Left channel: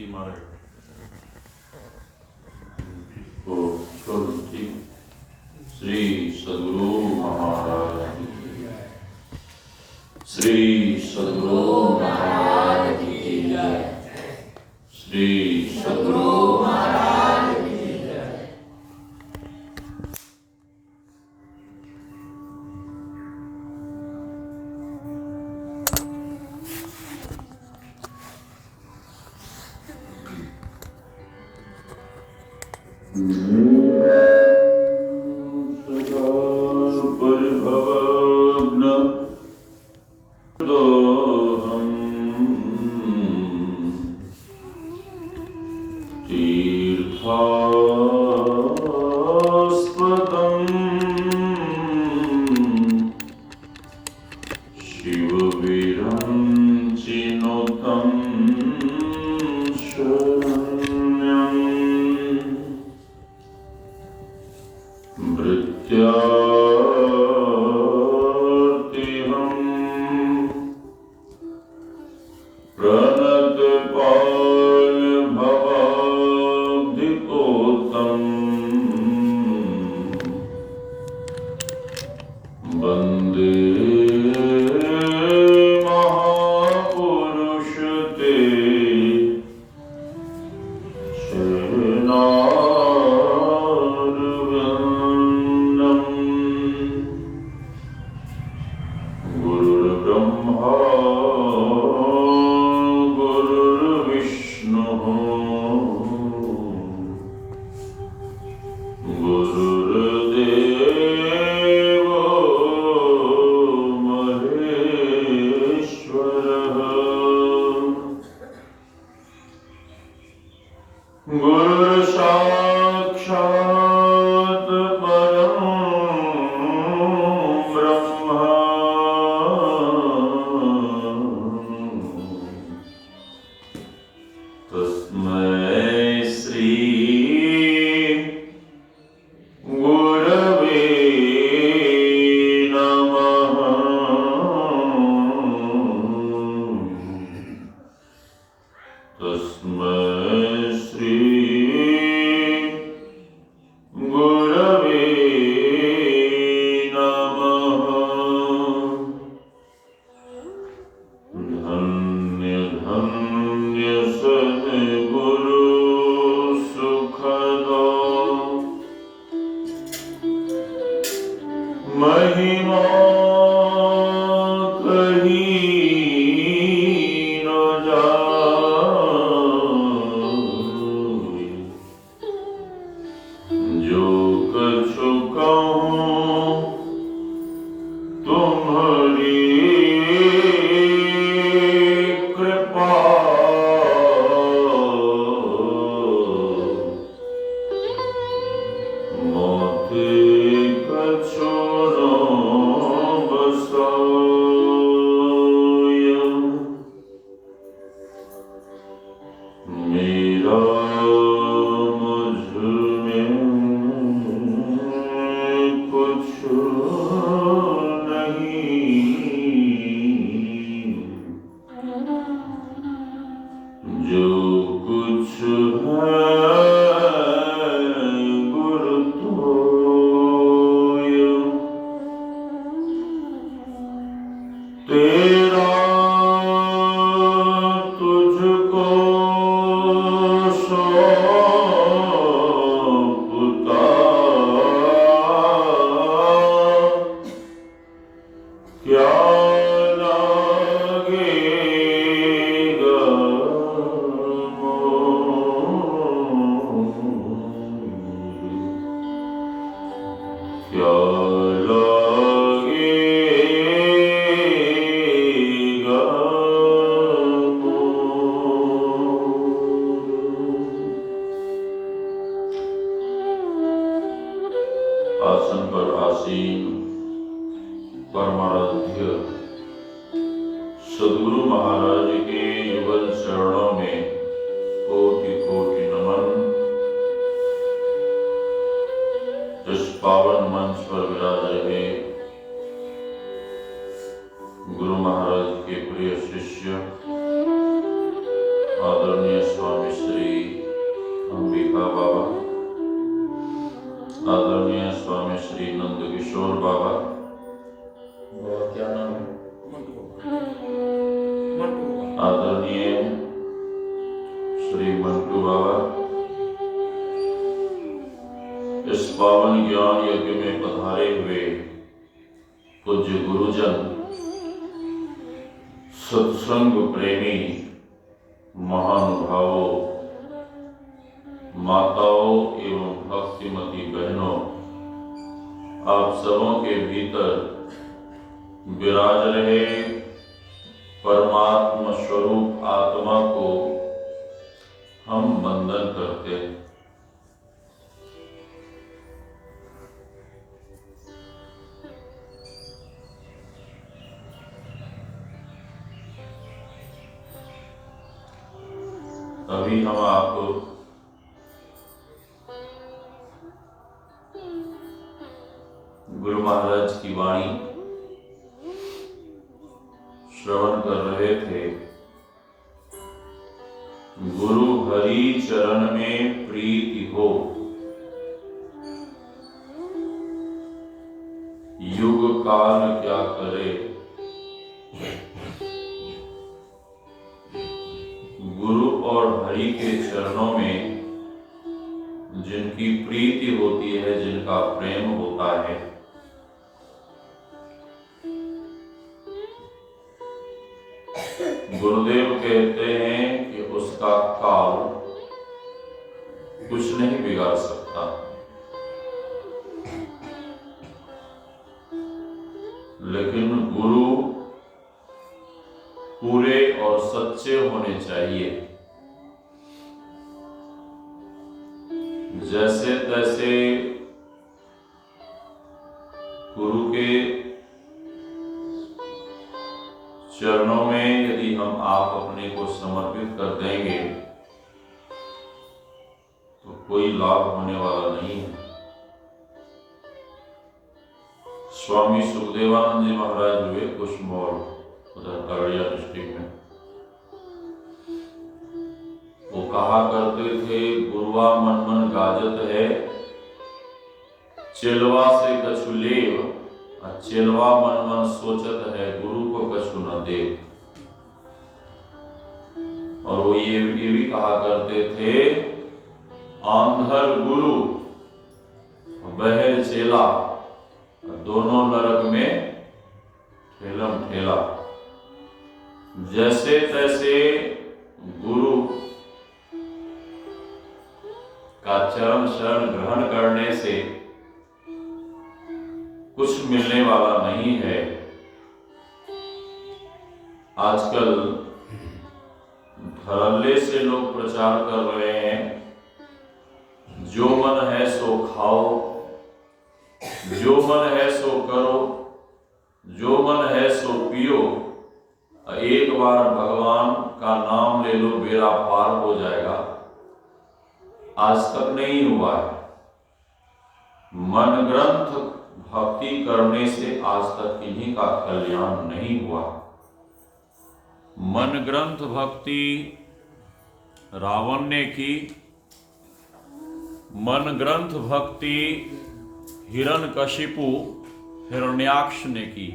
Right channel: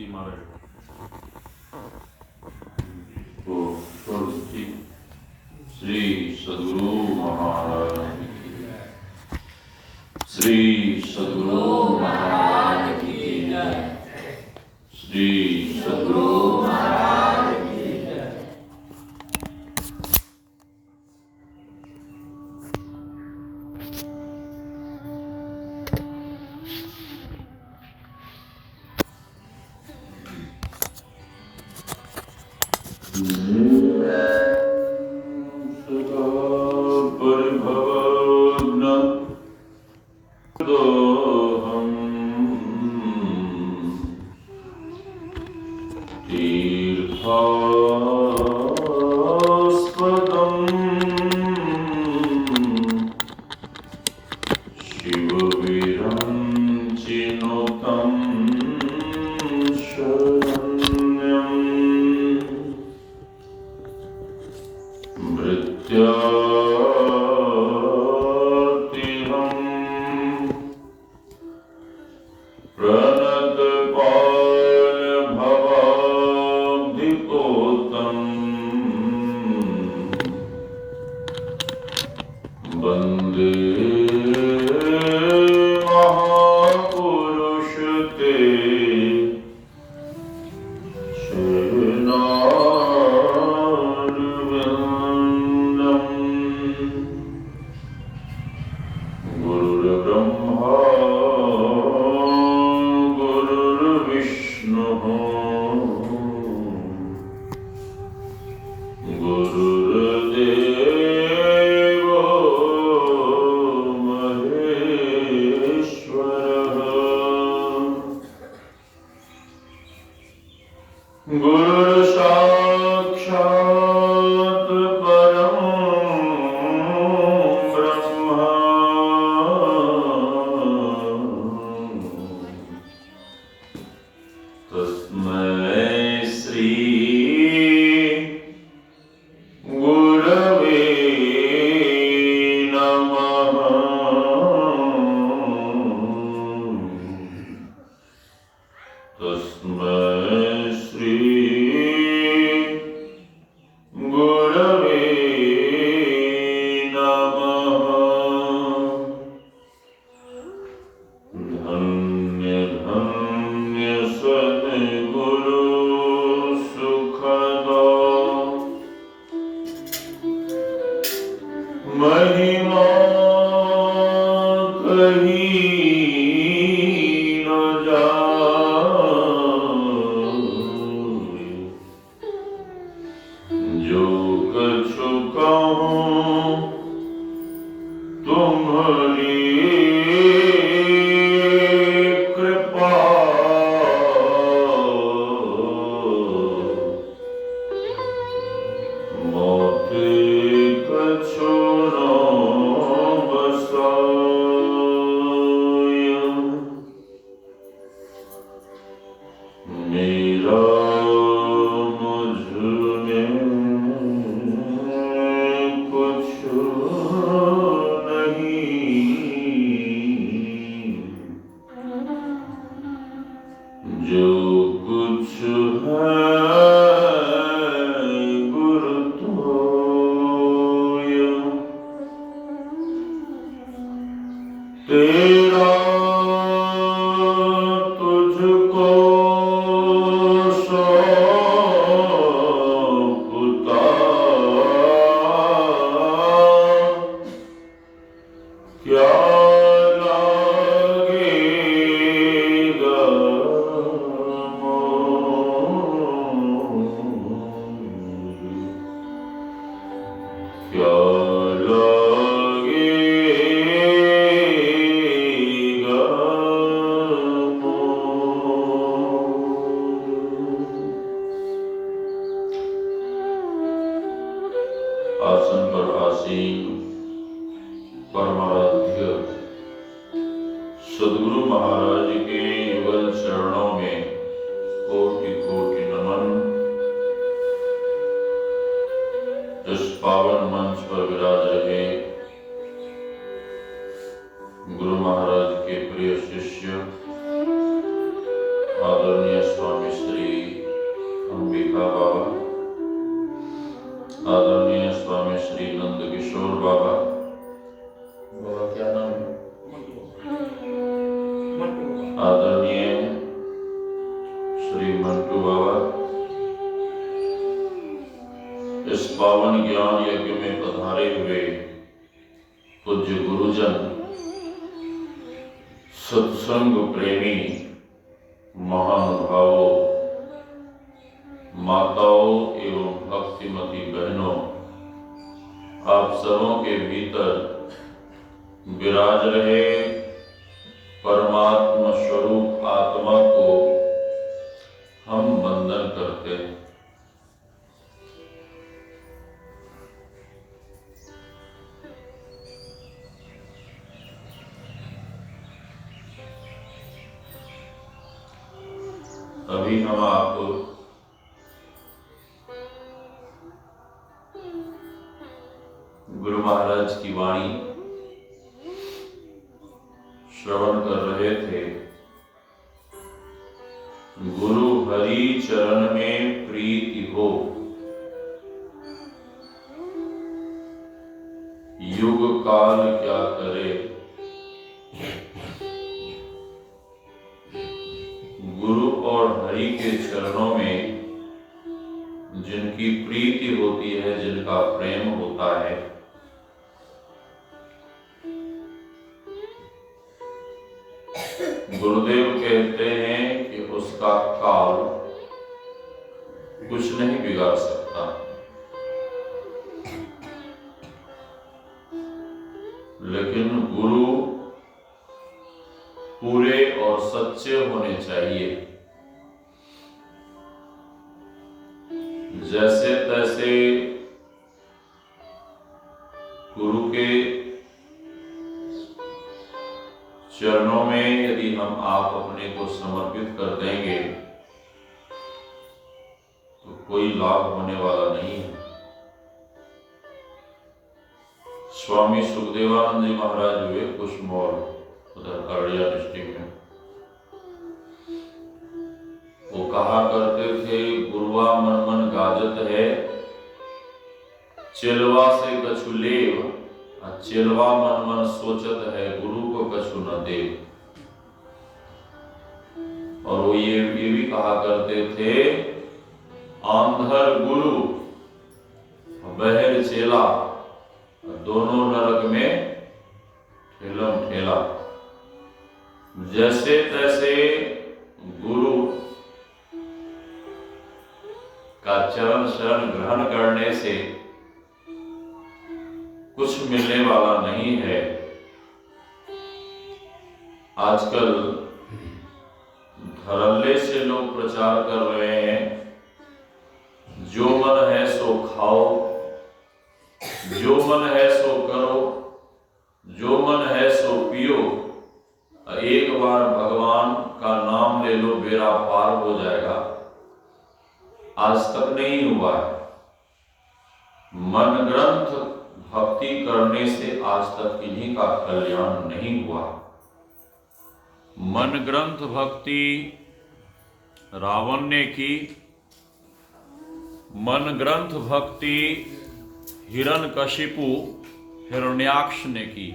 की मारे को छोड़ती श्री सद्गुरु महाराज श्री सद्गुरु महाराज की जय श्री सद्गुरु महाराज की जय। गुरु महाराज के प्रिय शिष्य आदरणीय आदरणीय स्वामी श्री अंबिका बाबा, आदरणीय स्वामी श्री नंद किशोर बाबा, बाबा क्या नाम है, आदरणीय श्री मंटू बाबा, इस पावन ज्ञान यज्ञ में पधारे हुए पूज्य गुरुजन, सत्संग प्रेमी महानुभावों, माताओं एवं भक्तिमती बहनों, आप सबों के भीतर विराज रहे परमात्मा स्वरूप आत्मा को हम वंदन करते हैं। अभी हम आपको गुरु महाराज की वाणी श्रवण कर रहे थे। गुरु हरि चरण में प्रीति हो, युग काल क्या करे। गुरु और हरि के चरणों में जिनकी प्रीति होती है, जिनका प्रेम होता है, गुरुदेव कहते हैं कि उसका काल कुछ नहीं बिगाड़ सकता। लेकिन गुरु पूरे और सच्चे होने चाहिए। जैसे तैसे गुरु के चरणों में यदि हम आप अपने को समर्पित कर देंगे तो कोई लाभ होने वाला नहीं है। स्वामी सुखदेवानंद जी महाराज हुए कुशमोल, उधर अररिया डिस्ट्रिक्ट में, वो कहा करते थे, गुरुआ मन मन गाजत है, चेलवा से कछु लेव, चेलवा मन मन सोचत है, गुरु को कछु न दे। और वो ये भी कहा करते थे, आंधर गुरु बहर चेला, दोनों नरक में ठेलम ठेला। जैसे तैसे गुरु का चरण शरण ग्रहण करने से कुछ मिलने वाला नहीं है। आजकल धड़ल्ले से लोग प्रचार कर रहे हैं, जो मन है सो खाओ, जो मन है सो करो, जो मन है सो पियो, एक बार भगवान का नाम ले लो, बेड़ा पार हो जाएगा। आज तक नहीं हुआ है। मन ग्रंथ भक्ति करने से आज तक इन्हीं का कल्याण नहीं हुआ। मन ग्रंथ भक्ति रावण ने की, मन ग्रंथ भक्ति हिरण्यकशिपु हिरण्याक्ष ने की।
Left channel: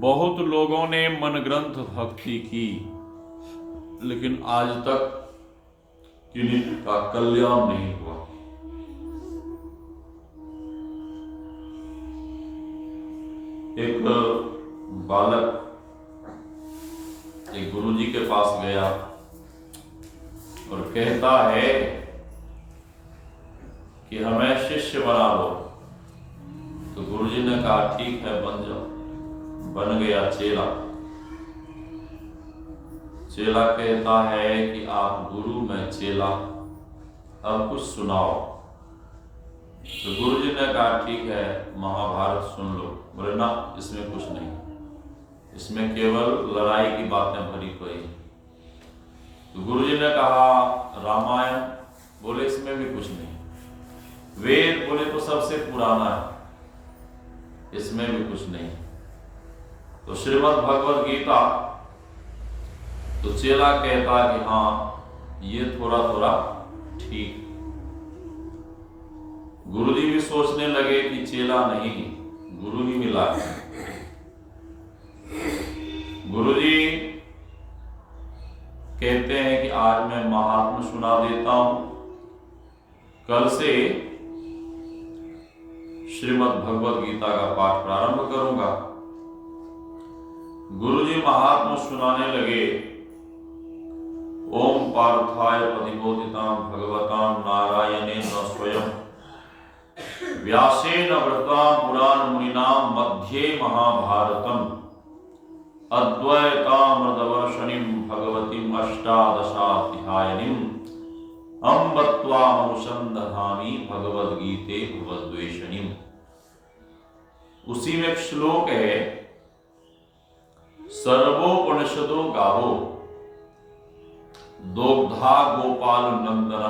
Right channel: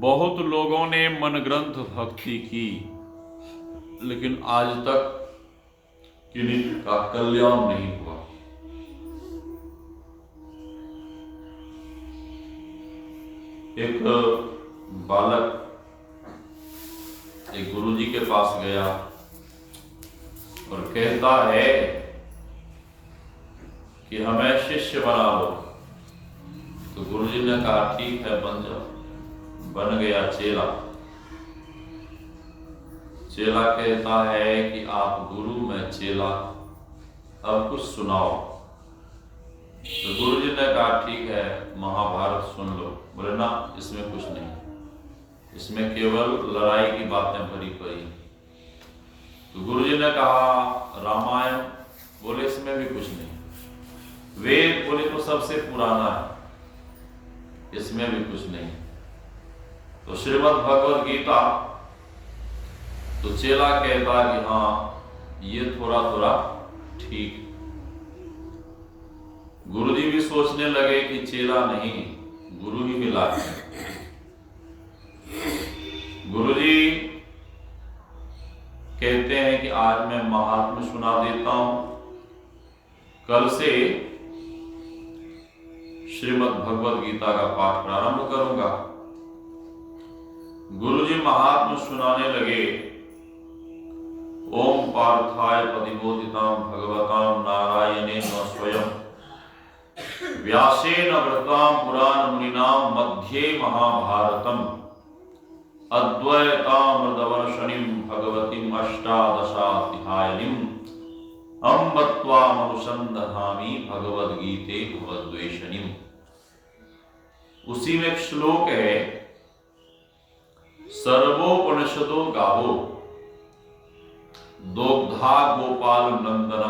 बहुत लोगों ने मन ग्रंथ भक्ति की, लेकिन आज तक किन्हीं का कल्याण नहीं हुआ। एक बालक एक गुरुजी के पास गया और कहता है कि हमें शिष्य बना लो। तो गुरुजी ने कहा ठीक है, बन जाओ। बन गया चेला। चेला कहता है कि आप गुरु, मैं चेला, अब कुछ सुनाओ। तो गुरुजी ने कहा ठीक है, महाभारत सुन लो। बोले ना, इसमें कुछ नहीं, इसमें केवल लड़ाई की बातें भरी पड़ी। तो गुरुजी ने कहा रामायण, बोले इसमें भी कुछ नहीं। वेद, बोले तो सबसे पुराना है, इसमें भी कुछ नहीं। तो श्रीमद् भगवद गीता तो चेला कहता कि हाँ ये थोड़ा थोड़ा ठीक। गुरुजी भी सोचने लगे कि चेला नहीं, गुरु ही मिला है। गुरुजी कहते हैं कि आज मैं महात्म्य सुना देता हूं, कल से श्रीमद् भगवद गीता का पाठ प्रारंभ करूंगा। गुरुजी महात्म्य सुनाने लगे। ओम पार्थाय प्रतिबोधितां भगवतां नारायणेन स्वयं व्यासेन वृतां पुराण मुनिनां मध्ये महाभारतम् अद्वैतामृतवर्षिणीं भगवतीम् अष्टादशाध्यायिनीम् अम्ब त्वामनुसन्धामि भगवद्गीते भवद्वेषिणीम्। उसी में एक श्लोक है, सर्वोपनिषदो गावो दोग्धा गोपाल नंदन।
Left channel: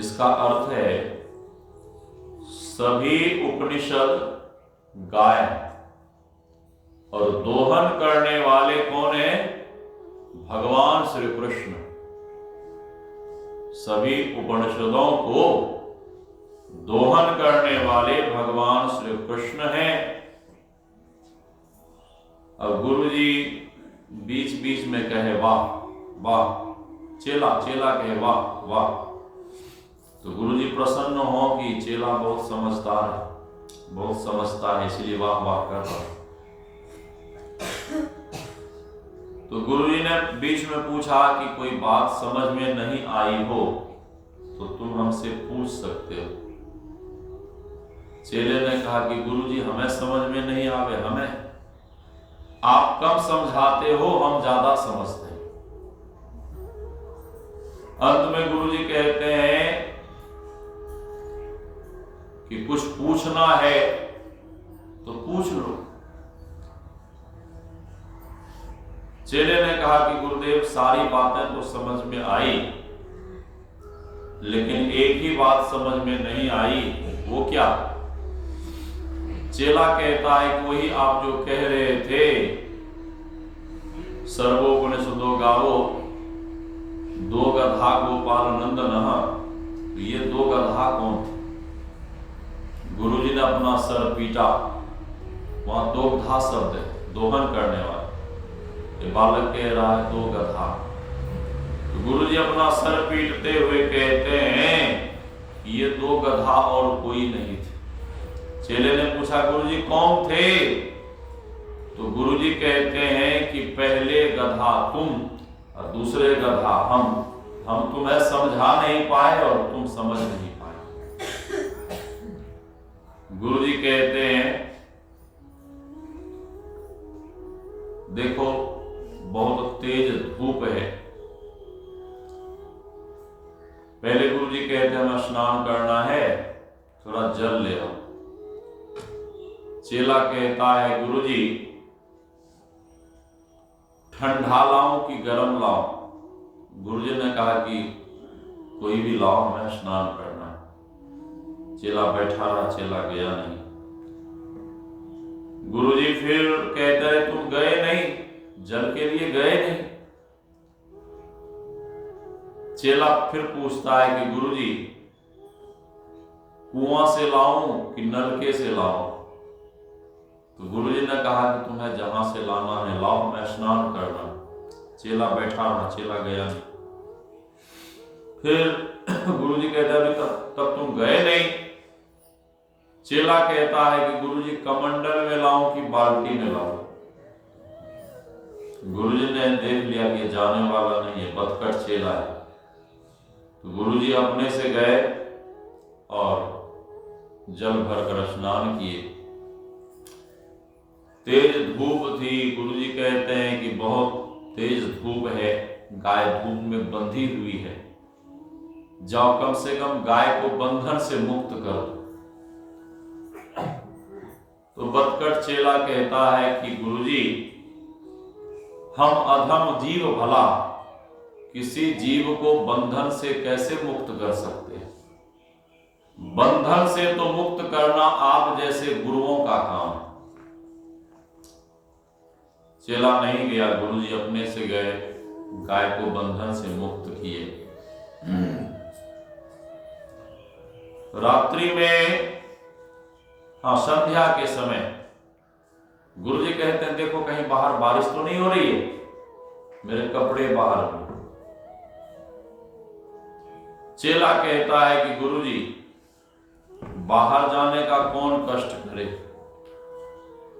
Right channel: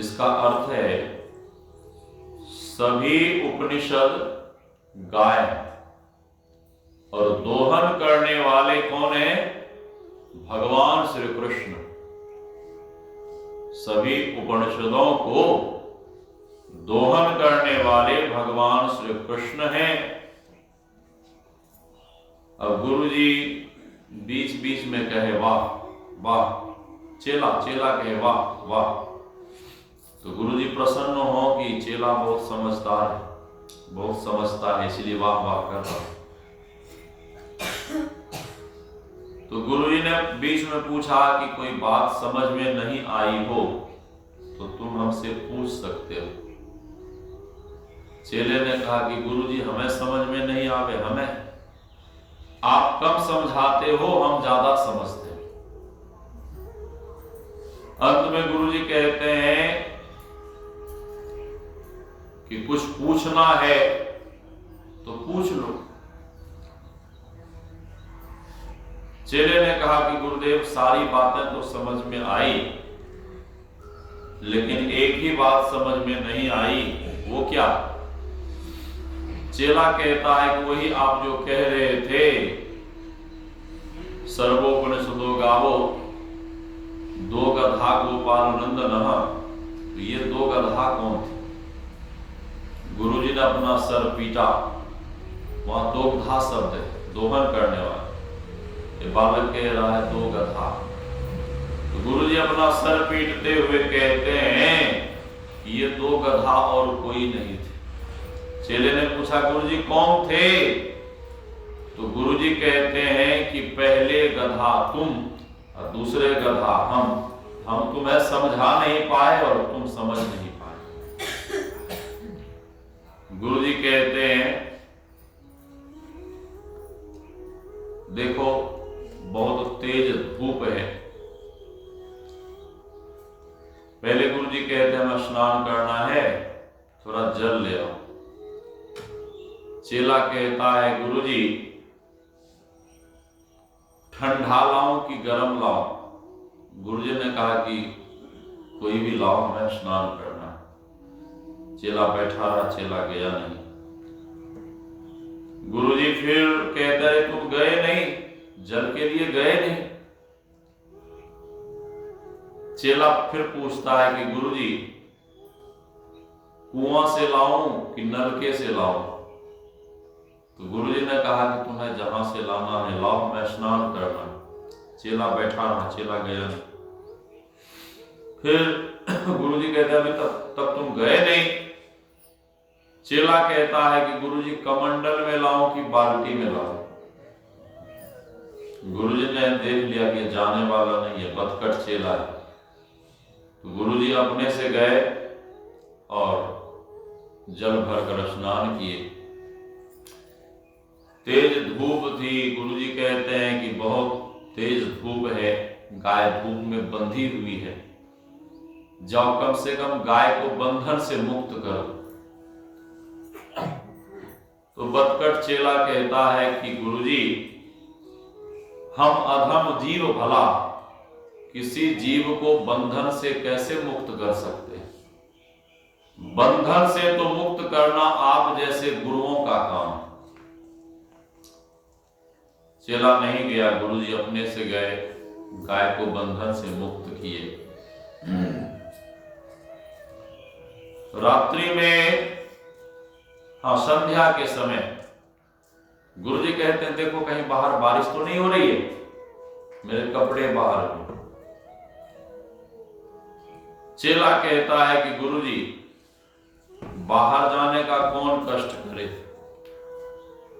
इसका अर्थ है सभी उपनिषद गाय और दोहन करने वाले कौन है? भगवान श्री कृष्ण। सभी उपनिषदों को दोहन करने वाले भगवान श्री कृष्ण हैं। अब गुरुजी बीच बीच में कहे वाह वाह, चेला कहे वाह वाह। तो गुरुजी प्रसन्न हो कि चेला बहुत समझदार है, बहुत समझता है, इसलिए वाह वाह कर रहा है। तो गुरुजी ने बीच में पूछा कि कोई बात समझ में नहीं आई हो तो तुम हमसे पूछ सकते हो। चेले ने कहा कि गुरुजी हमें समझ में नहीं आवे, हमें आप कम समझाते हो, हम ज्यादा समझते हैं। अंत में गुरुजी कहते हैं कि कुछ पूछना है तो पूछ लो। चेले ने कहा कि गुरुदेव सारी बातें तो समझ में आई, लेकिन एक ही बात समझ में नहीं आई। वो क्या? चेला कहता है कि वही आप जो कह रहे थे, सर्वोपनिषदो गावो दो गधा गोपाल नंदन। तो ये दो गधा कौन थे? गुरुजी ने अपना सर पीटा, वहां दोग्धा शब्द है, दोहन करने वाला। ये बालक कह रहा है दो गधा। तो गुरुजी अपना सर पीटते हुए कहते हैं ये दो गधा और कोई नहीं थे। चेले ने पूछा गुरुजी कौन थे? तो गुरुजी कहते हैं कि पहले गधा तुम और दूसरे गधा हम तुम्हें समझा नहीं पाए और तुम समझ नहीं पाए। गुरुजी कहते हैं देखो बहुत तेज धूप है। पहले गुरुजी कहते हैं हमें स्नान करना है, थोड़ा जल ले आओ। चेला कहता है गुरुजी ठंडा लाऊं कि गर्म लाऊं? गुरुजी ने कहा कि कोई भी लाओ, हमें स्नान करना है। चेला बैठा रहा, चेला गया नहीं। गुरुजी फिर कहता है तुम गए नहीं, जल के लिए गए नहीं। चेला फिर पूछता है कि गुरुजी कुआं से लाऊं कि नलके से लाऊं? तो गुरुजी ने कहा कि तुम्हें जहां से लाना है लाओ, मैं स्नान करना। चेला बैठा रहा, चेला गया नहीं। फिर गुरुजी कहते अभी तब तुम गए नहीं। चेला कहता है कि गुरुजी कमंडल में लाऊं कि बाल्टी में लाऊं? गुरुजी ने देख लिया कि जाने वाला नहीं है, बदकट चेला है। तो गुरुजी अपने से गए और जल भरकर स्नान किए। तेज धूप थी। गुरुजी कहते हैं कि बहुत तेज धूप है, गाय धूप में बंधी हुई है, जाओ कम से कम गाय को बंधन से मुक्त करो। तो बदकट चेला कहता है कि गुरुजी हम अधम जीव भला किसी जीव को बंधन से कैसे मुक्त कर सकते हैं? बंधन से तो मुक्त करना आप जैसे गुरुओं का काम है। चेला नहीं गया, गुरुजी अपने से गए, गाय को बंधन से मुक्त किए। रात्रि में संध्या के समय गुरुजी कहते हैं देखो कहीं बाहर बारिश तो नहीं हो रही है, मेरे कपड़े बाहर हो। चेला कहता है कि गुरुजी बाहर जाने का कौन कष्ट करे,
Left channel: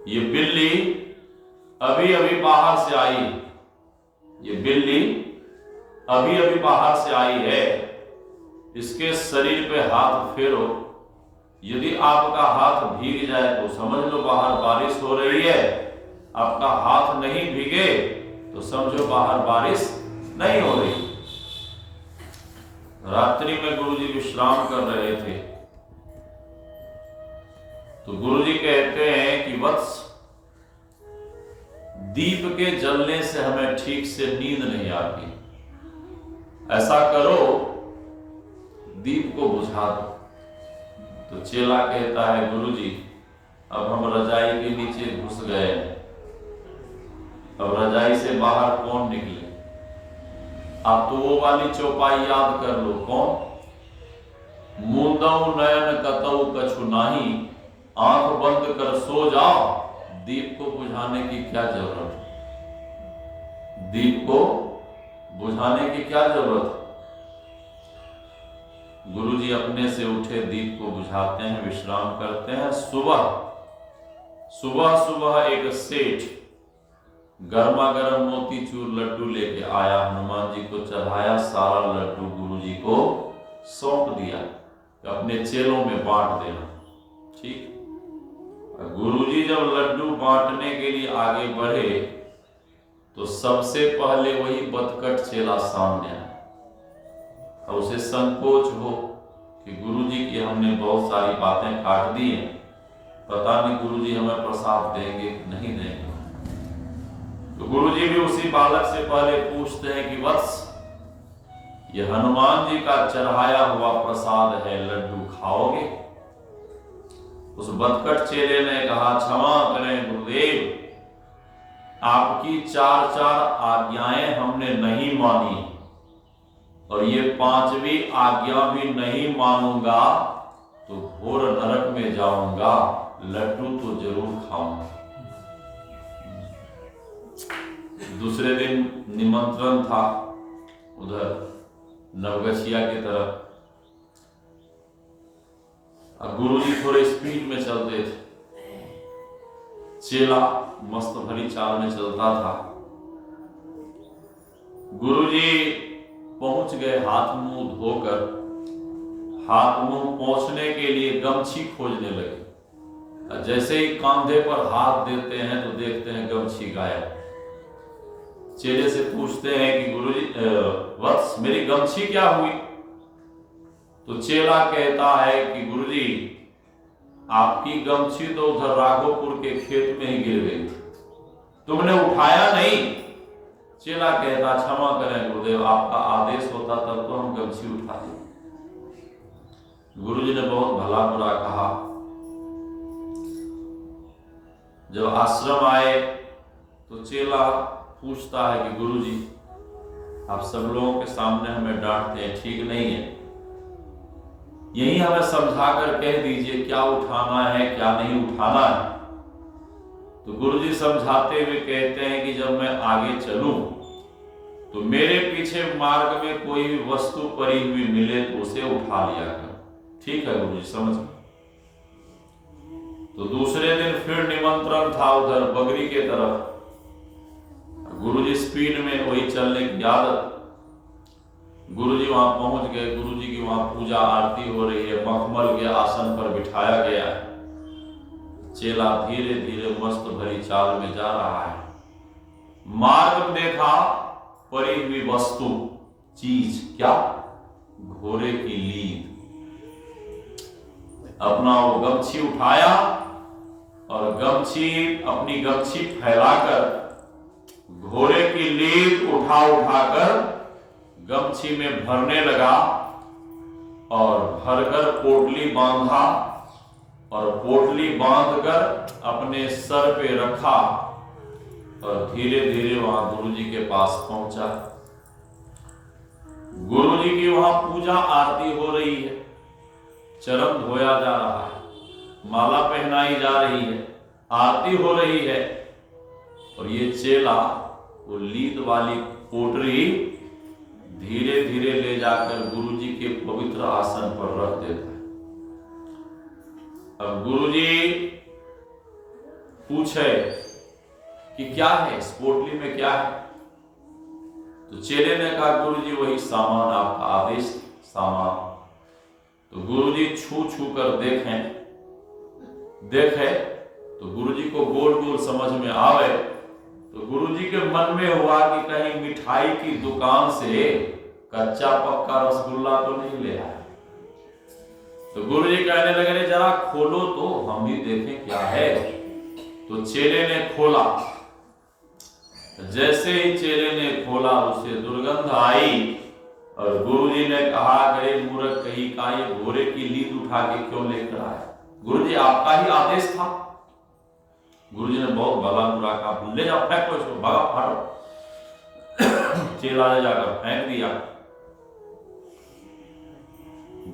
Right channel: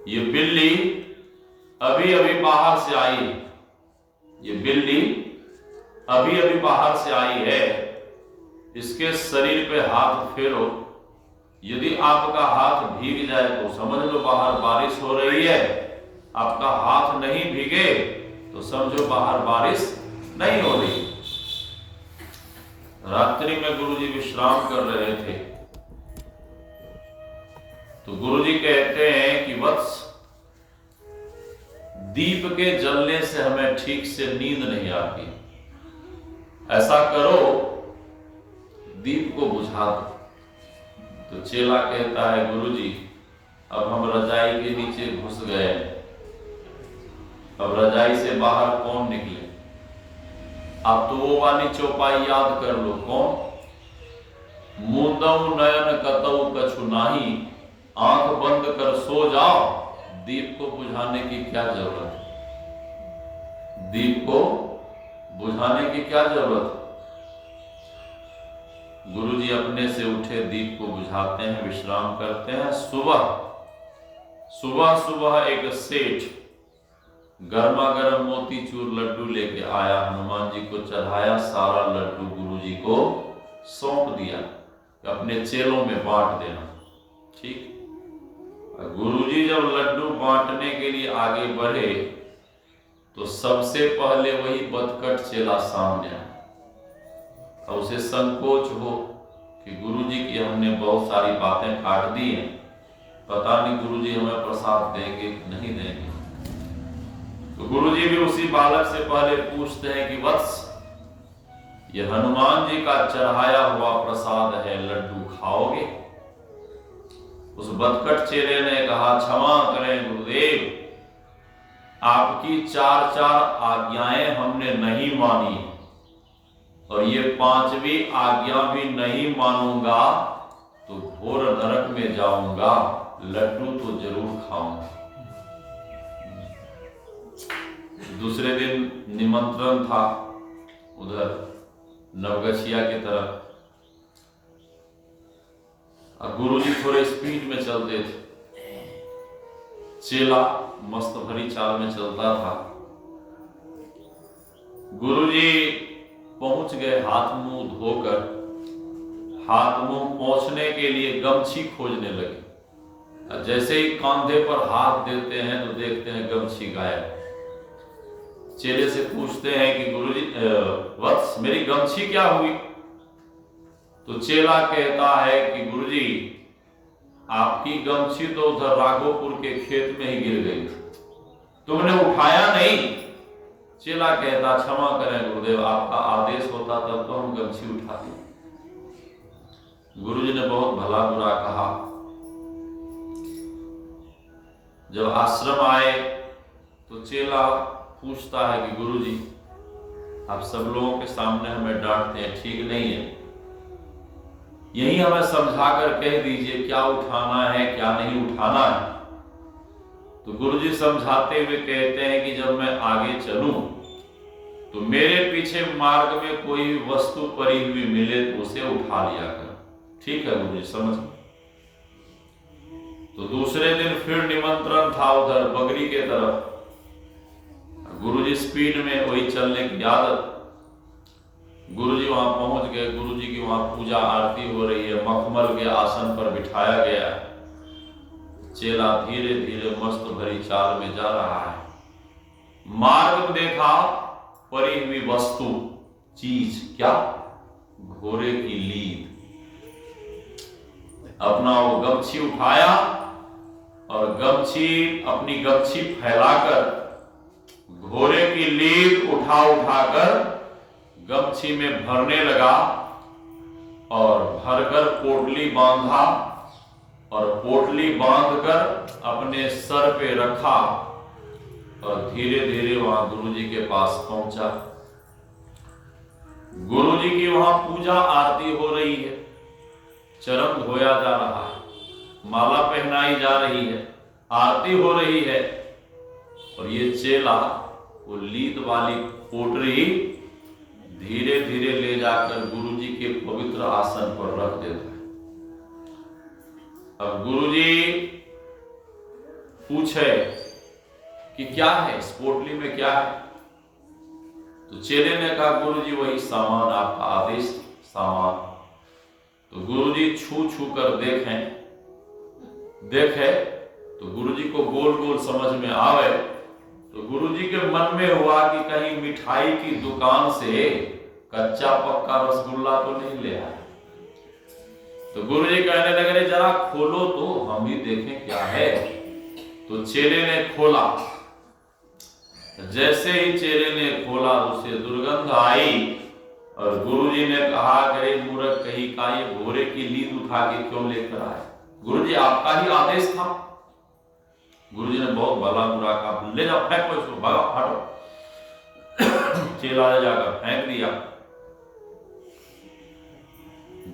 ये बिल्ली अभी अभी बाहर से आई है, ये बिल्ली अभी अभी बाहर से आई है, इसके शरीर पे हाथ फेरो, यदि आपका हाथ भीग जाए तो समझ लो बाहर बारिश हो रही है, आपका हाथ नहीं भीगे तो समझो बाहर बारिश नहीं हो रही। रात्रि में गुरुजी विश्राम कर रहे थे तो गुरुजी कहते हैं कि वत्स, दीप के जलने से हमें ठीक से नींद नहीं आती, ऐसा करो दीप को बुझा दो। तो चेला कहता है गुरुजी अब हम रजाई के नीचे घुस गए, अब रजाई से बाहर कौन निकले, अब तो वो वाली चौपाई याद कर लो, कौन, मूंदऊ नयन कतऊ कछु नाही, आंख बंद कर सो जाओ, दीप को बुझाने की क्या जरूरत है, दीप को बुझाने की क्या जरूरत है। गुरुजी अपने से उठे, दीप को बुझाते हैं, विश्राम करते हैं। सुबह सुबह सुबह एक सेठ गर्मा गर्म मोतीचूर लड्डू लेके आया, हनुमान जी को चढ़ाया, सारा लड्डू गुरुजी को सौंप दिया, अपने चेलों में बांट देना। ठीक, गुरुजी जब लड्डू बांटने के लिए आगे बढ़े तो सबसे पहले वही बदकट चेला सामने आया। और उसे संकोच हो कि गुरुजी की हमने बहुत सारी बातें काट दी हैं, पता नहीं गुरुजी हमें प्रसाद देंगे नहीं देंगे। तो गुरुजी भी उसी बालक से पहले पूछते हैं कि वत्स, ये हनुमान जी का चढ़ाया हुआ प्रसाद है, लड्डू खाओगे? उस बदकट चेले ने कहा क्षमा करें गुरुदेव, आपकी 4 आज्ञाएं हमने नहीं मानी और ये 5वीं आज्ञा भी नहीं मानूंगा तो घोर नरक में जाऊंगा, लड्डू तो जरूर खाऊंगा। दूसरे दिन निमंत्रण था उधर नवगछिया की तरफ। अब गुरुजी थोड़े स्पीड में चलते थे, चेला मस्त भरी चाल में चलता था। गुरुजी पहुंच गए, हाथ मुंह धोकर, हाथ मुंह पोंछने के लिए गमछी खोजने लगे। जैसे ही कंधे पर हाथ देते हैं तो देखते हैं गमछी गायब। चेले से पूछते हैं कि गुरुजी वत्स, मेरी गमछी क्या हुई? तो चेला कहता है कि गुरुजी आपकी गमछी तो उधर राघोपुर के खेत में ही गिर गई थी, तुमने उठाया नहीं। चेला कहता क्षमा करें गुरुदेव, आपका आदेश होता तब तो हम गमछी उठाते। गुरुजी ने बहुत भला बुरा कहा। जब आश्रम आए तो चेला पूछता है कि गुरुजी आप सब लोगों के सामने हमें डांटते हैं, ठीक नहीं है, यही हमें समझाकर कह दीजिए क्या उठाना है क्या नहीं उठाना है। तो गुरुजी समझाते हुए कहते हैं कि जब मैं आगे चलूं तो मेरे पीछे मार्ग में कोई भी वस्तु पड़ी हुई मिले तो उसे उठा लिया करो। ठीक है गुरुजी, समझ। तो दूसरे दिन फिर निमंत्रण था उधर बगरी के तरफ। गुरुजी स्पीड में वही चलने की आदत। गुरुजी वहां पहुंच गए, गुरुजी की वहां पूजा आरती हो रही है, मखमल के आसन पर बिठाया गया है। चेला धीरे धीरे मस्त भरी चाल में जा रहा है। मार्ग में देखा पड़ी हुई वस्तु, चीज, क्या? घोड़े की लीद। अपना वो गमछी उठाया और अपनी गमछी फैलाकर घोड़े की लीद उठाकर गमछी में भरने लगा और भरकर पोटली बांधा और पोटली बांधकर अपने सर पे रखा और धीरे धीरे वहां गुरु जी के पास पहुंचा। गुरु जी की वहां पूजा आरती हो रही है, चरण धोया जा रहा है, माला पहनाई जा रही है, आरती हो रही है, और ये चेला वो लीद वाली पोटरी धीरे धीरे ले जाकर गुरु जी के पवित्र आसन पर रख देता है। अब गुरु जी पूछे कि क्या है इस पोटली में, क्या है? तो चेले ने कहा गुरु जी वही सामान, आपका आदेश सामान। तो गुरु जी छू छू कर देखे तो गुरु जी को गोल गोल समझ में आवे। तो गुरु जी के मन में हुआ कि कहीं मिठाई की दुकान से कच्चा पक्का रसगुल्ला तो नहीं ले आया। तो गुरु जी कहने लगे रे जरा खोलो तो हम भी देखें क्या है। तो चेले ने खोला, जैसे ही चेले ने खोला उसे दुर्गंध आई और गुरुजी ने कहा गए मूर्ख कहीं का ये घोड़े की लीद उठा के क्यों लेकर आया? गुरुजी आपका ही आदेश था। गुरुजी ने बहुत भला बुरा कहा, ले जाओ फेंको इसको, भागा फाटो। चेला ले जाकर फेंक दिया।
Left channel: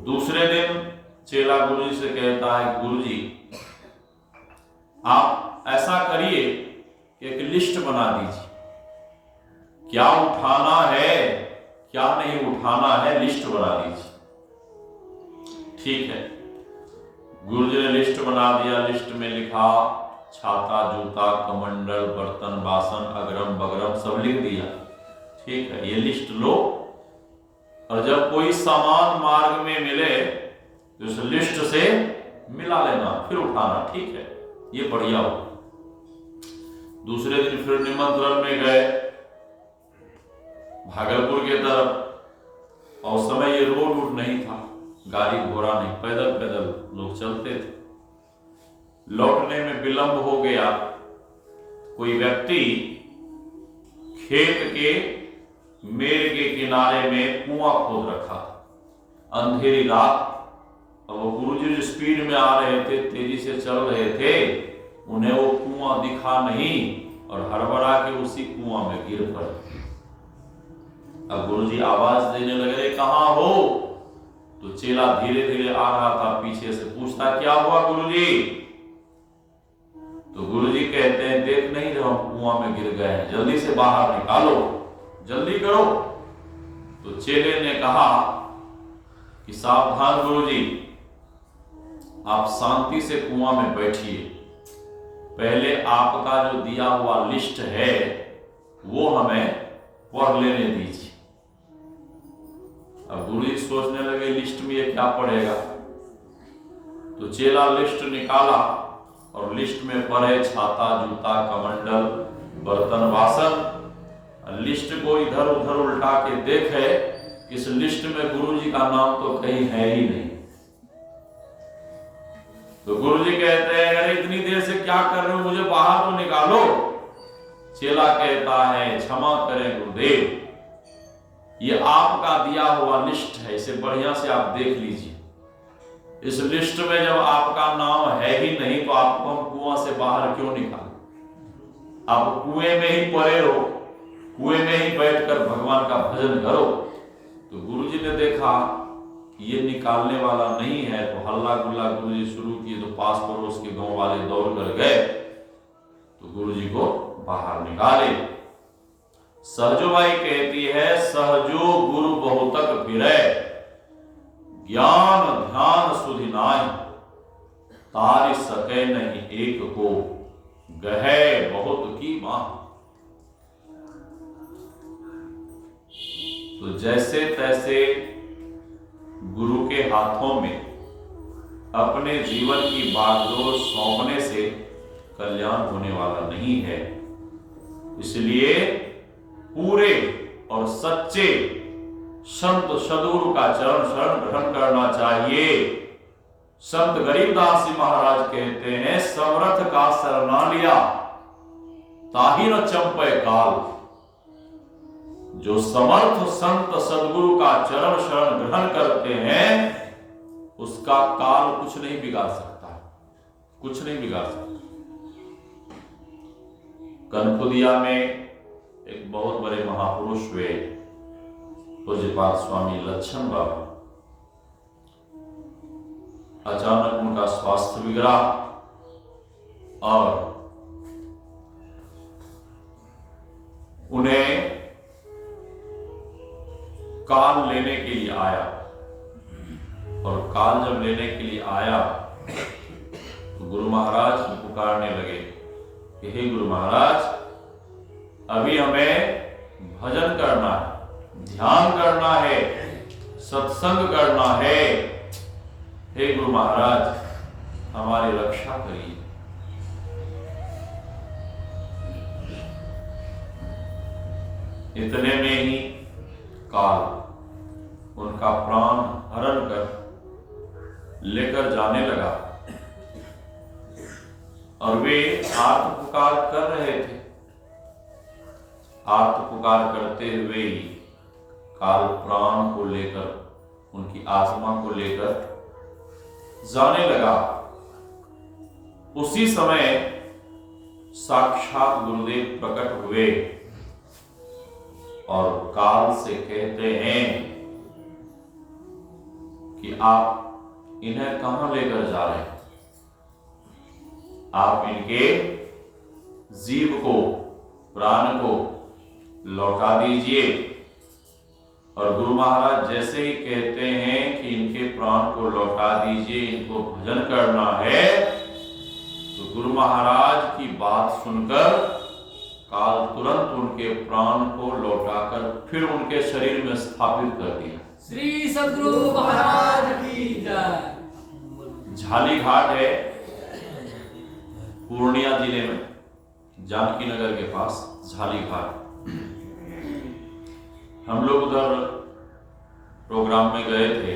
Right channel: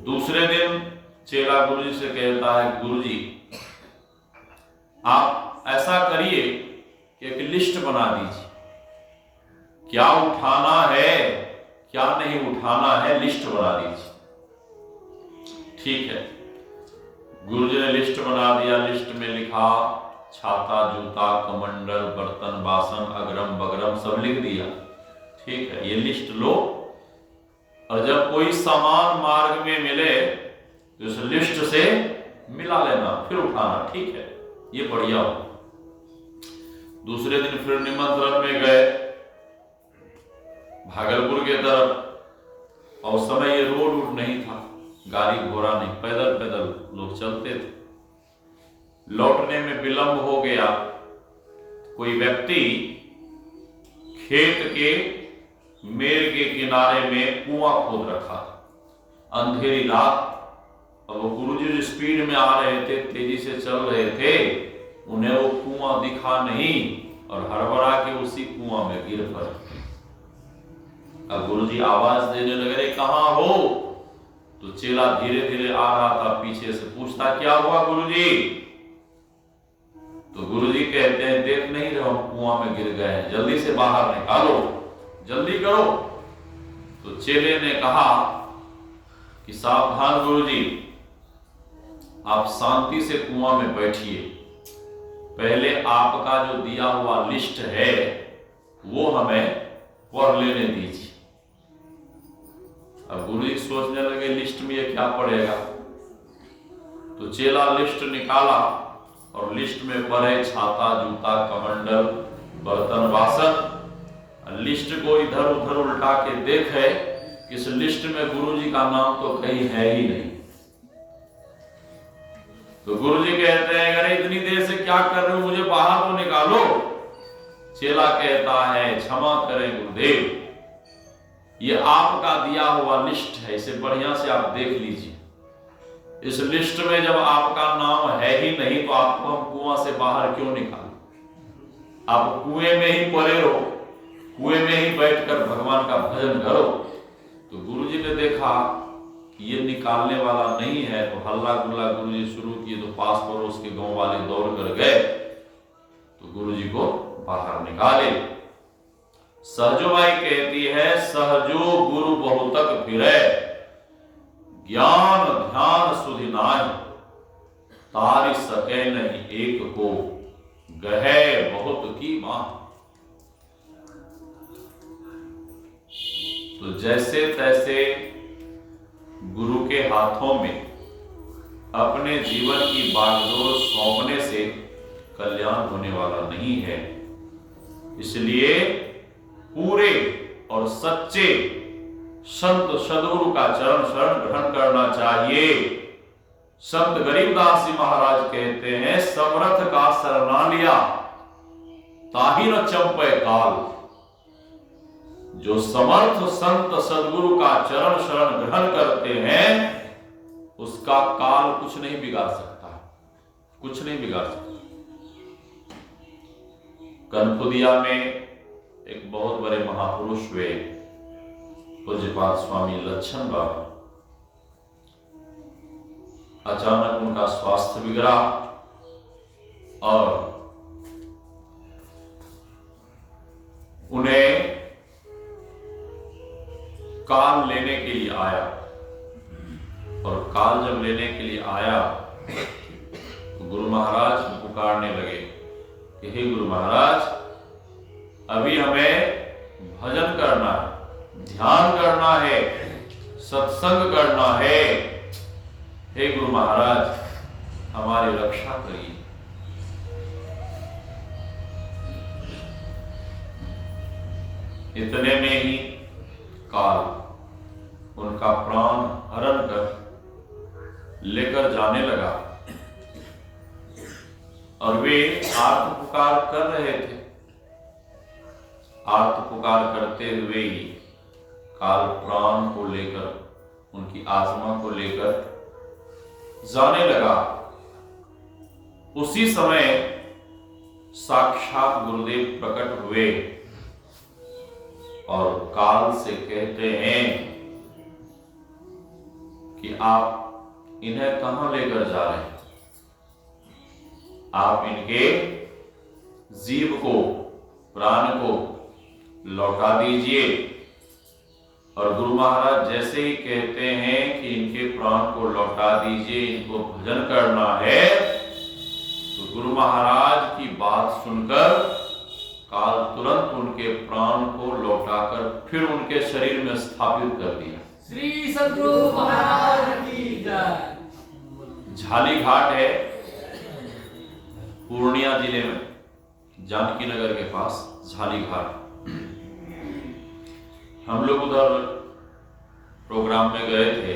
दूसरे दिन चेला गुरुजी से कहता है गुरुजी आप ऐसा करिए कि एक लिस्ट बना दीजिए, क्या उठाना है क्या नहीं उठाना है, लिस्ट बना दीजिए। ठीक है, गुरुजी ने लिस्ट बना दिया। लिस्ट में लिखा छाता, जूता, कमंडल, बर्तन, बासन, अगरम बगरम सब लिख दिया। ठीक है, ये लिस्ट लो और जब कोई सामान मार्ग में मिले तो उस लिस्ट से मिला लेना, फिर उठाना। ठीक है, ये बढ़िया हो। दूसरे दिन फिर निमंत्रण में गए भागलपुर के तरफ, और उस समय ये रोड नहीं था, गाड़ी घोड़ा नहीं, पैदल पैदल लोग चलते थे। लौटने में विलंब हो गया। कोई व्यक्ति खेत के मेड़ के किनारे में कुआं खोद रखा, अंधेरी रात। और वो गुरुजी जो स्पीड में आ रहे थे, तेजी से चल रहे थे, उन्हें वो कुआं दिखा नहीं और हड़बड़ा के उसी कुआं में गिर पड़े। अब गुरुजी आवाज देने लगे रे कहां हो? तो चेला धीरे धीरे आ रहा था पीछे से, पूछता क्या हुआ गुरुजी? तो गुरुजी कहते हैं देख नहीं रहे हम कुआं में गिर गए हैं, जल्दी से बाहर निकालो, जल्दी करो। तो चेले ने कहा कि सावधान गुरुजी, आप शांति से कुआं में बैठिए, पहले आपका जो दिया हुआ लिस्ट है वो हमें पढ़ लेने दीजिए। अब गुरुजी सोचने लगे लिस्ट में ये क्या पड़ेगा। तो चेला लिस्ट निकाला और लिस्ट में पड़े छाता, जूता, कमंडल, बर्तन, बासन। लिस्ट को इधर उधर उल्टा के देखे, इस लिस्ट में गुरुजी का नाम तो कहीं है ही नहीं। तो गुरुजी कहते हैं अरे इतनी देर से क्या कर रहे हो, मुझे बाहर तो निकालो। चेला कहता है क्षमा करें गुरुदेव, ये आपका दिया हुआ लिस्ट है, इसे बढ़िया से आप देख लीजिए। इस लिस्ट में जब आपका नाम है ही नहीं तो आपको हम कुआं से बाहर क्यों निकालें? आप कुएं में ही पड़े रहो, कुएं में ही बैठकर भगवान का भजन करो। तो गुरुजी ने देखा कि ये निकालने वाला नहीं है, तो हल्ला गुल्ला गुरुजी शुरू किए। तो पास पड़ोस के गांव वाले दौड़ कर गए, तो गुरुजी को बाहर निकाले। सहजोबाई कहती है सहजो गुरु बहुतक फिरे, ज्ञान ध्यान सुधि नाहि, तारि सके नहीं एक को, गहे बहुत की मां। तो जैसे तैसे गुरु के हाथों में अपने जीवन की बागडोर सौंपने से कल्याण होने वाला नहीं है। इसलिए पूरे और सच्चे संत सद्गुरु का चरण शरण ग्रहण करना चाहिए। संत गरीबदास जी महाराज कहते हैं समर्थ का शरणा लिया ताहि न चंपे काल। जो समर्थ संत सद्गुरु का चरण शरण ग्रहण करते हैं उसका काल कुछ नहीं बिगाड़ सकता है, कुछ नहीं बिगाड़ सकता। कनकुदिया में एक बहुत बड़े महापुरुष हुए पूज्यपाद स्वामी लच्छन बाबा। अचानक उनका स्वास्थ्य बिगड़ा और उन्हें काल लेने के लिए आया। और काल जब लेने के लिए आया तो गुरु महाराज को पुकारने लगे कि हे गुरु महाराज, अभी हमें भजन करना है, ध्यान करना है, सत्संग करना है। हे गुरु महाराज, हमारी रक्षा करिए। इतने में ही काल उनका प्राण हरण कर लेकर जाने लगा और वे आर्त पुकार कर रहे थे। आर्त पुकार करते हुए ही काल प्राण को लेकर, उनकी आत्मा को लेकर जाने लगा। उसी समय साक्षात गुरुदेव प्रकट हुए और काल से कहते हैं कि आप इन्हें कहां लेकर जा रहे हैं? आप इनके जीव को, प्राण को लौटा दीजिए। और गुरु महाराज जैसे ही कहते हैं कि इनके प्राण को लौटा दीजिए, इनको भजन करना है, तो गुरु महाराज की बात सुनकर काल तुरंत उनके प्राण को लौटाकर फिर उनके शरीर में स्थापित कर दिया। श्री सद्गुरु महाराज की जय। झाली घाट है पूर्णिया जिले में, जानकी नगर के पास झाली घाट। हम लोग उधर प्रोग्राम में गए थे।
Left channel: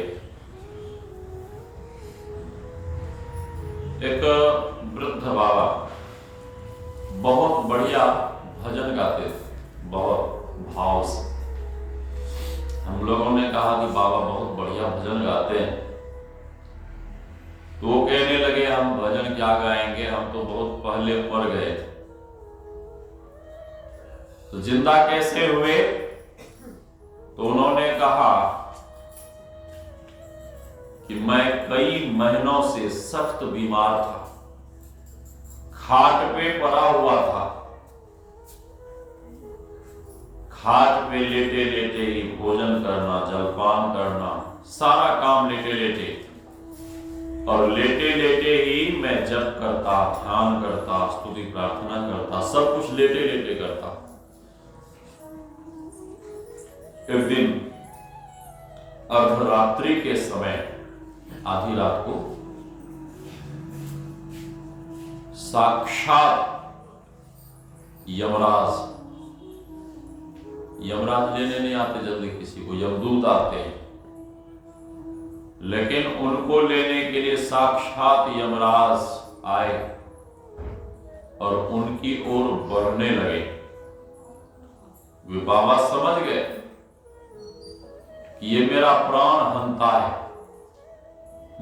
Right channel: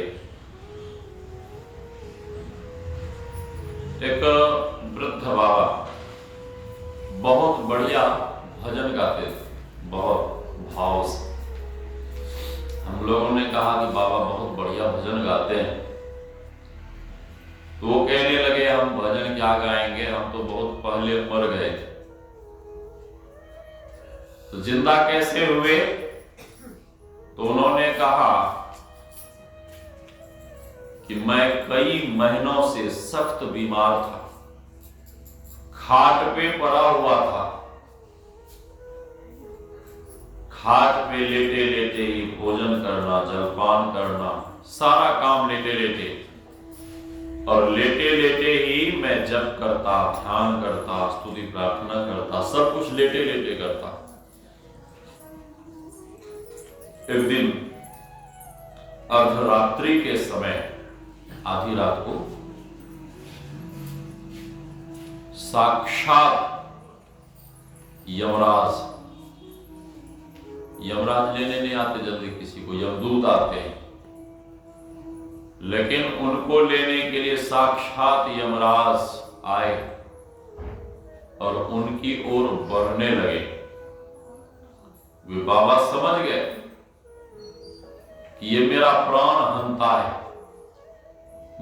एक वृद्ध बाबा बहुत बढ़िया भजन गाते थे, बहुत भाव से। हम लोगों ने कहा कि बाबा बहुत बढ़िया भजन गाते हैं। तो वो कहने लगे हम भजन क्या गाएंगे, हम तो बहुत पहले मर गए थे। तो जिंदा कैसे हुए? तो उन्होंने कहा कि मैं कई महीनों से सख्त बीमार था, खाट पे पड़ा हुआ था। खाट पे लेटे लेटे ही भोजन करना, जलपान करना, सारा काम लेटे लेटे। और लेटे लेटे ही मैं जप करता, ध्यान करता, स्तुति प्रार्थना करता, सब कुछ लेटे लेटे करता। एक दिन अर्धरात्रि के समय, आधी रात को, साक्षात यमराज लेने नहीं आते जल्दी किसी को, यमदूत आते हैं। लेकिन उनको लेने के लिए साक्षात यमराज आए और उनकी ओर बढ़ने लगे। वे बाबा समझ गए कि ये मेरा प्राण हंता है,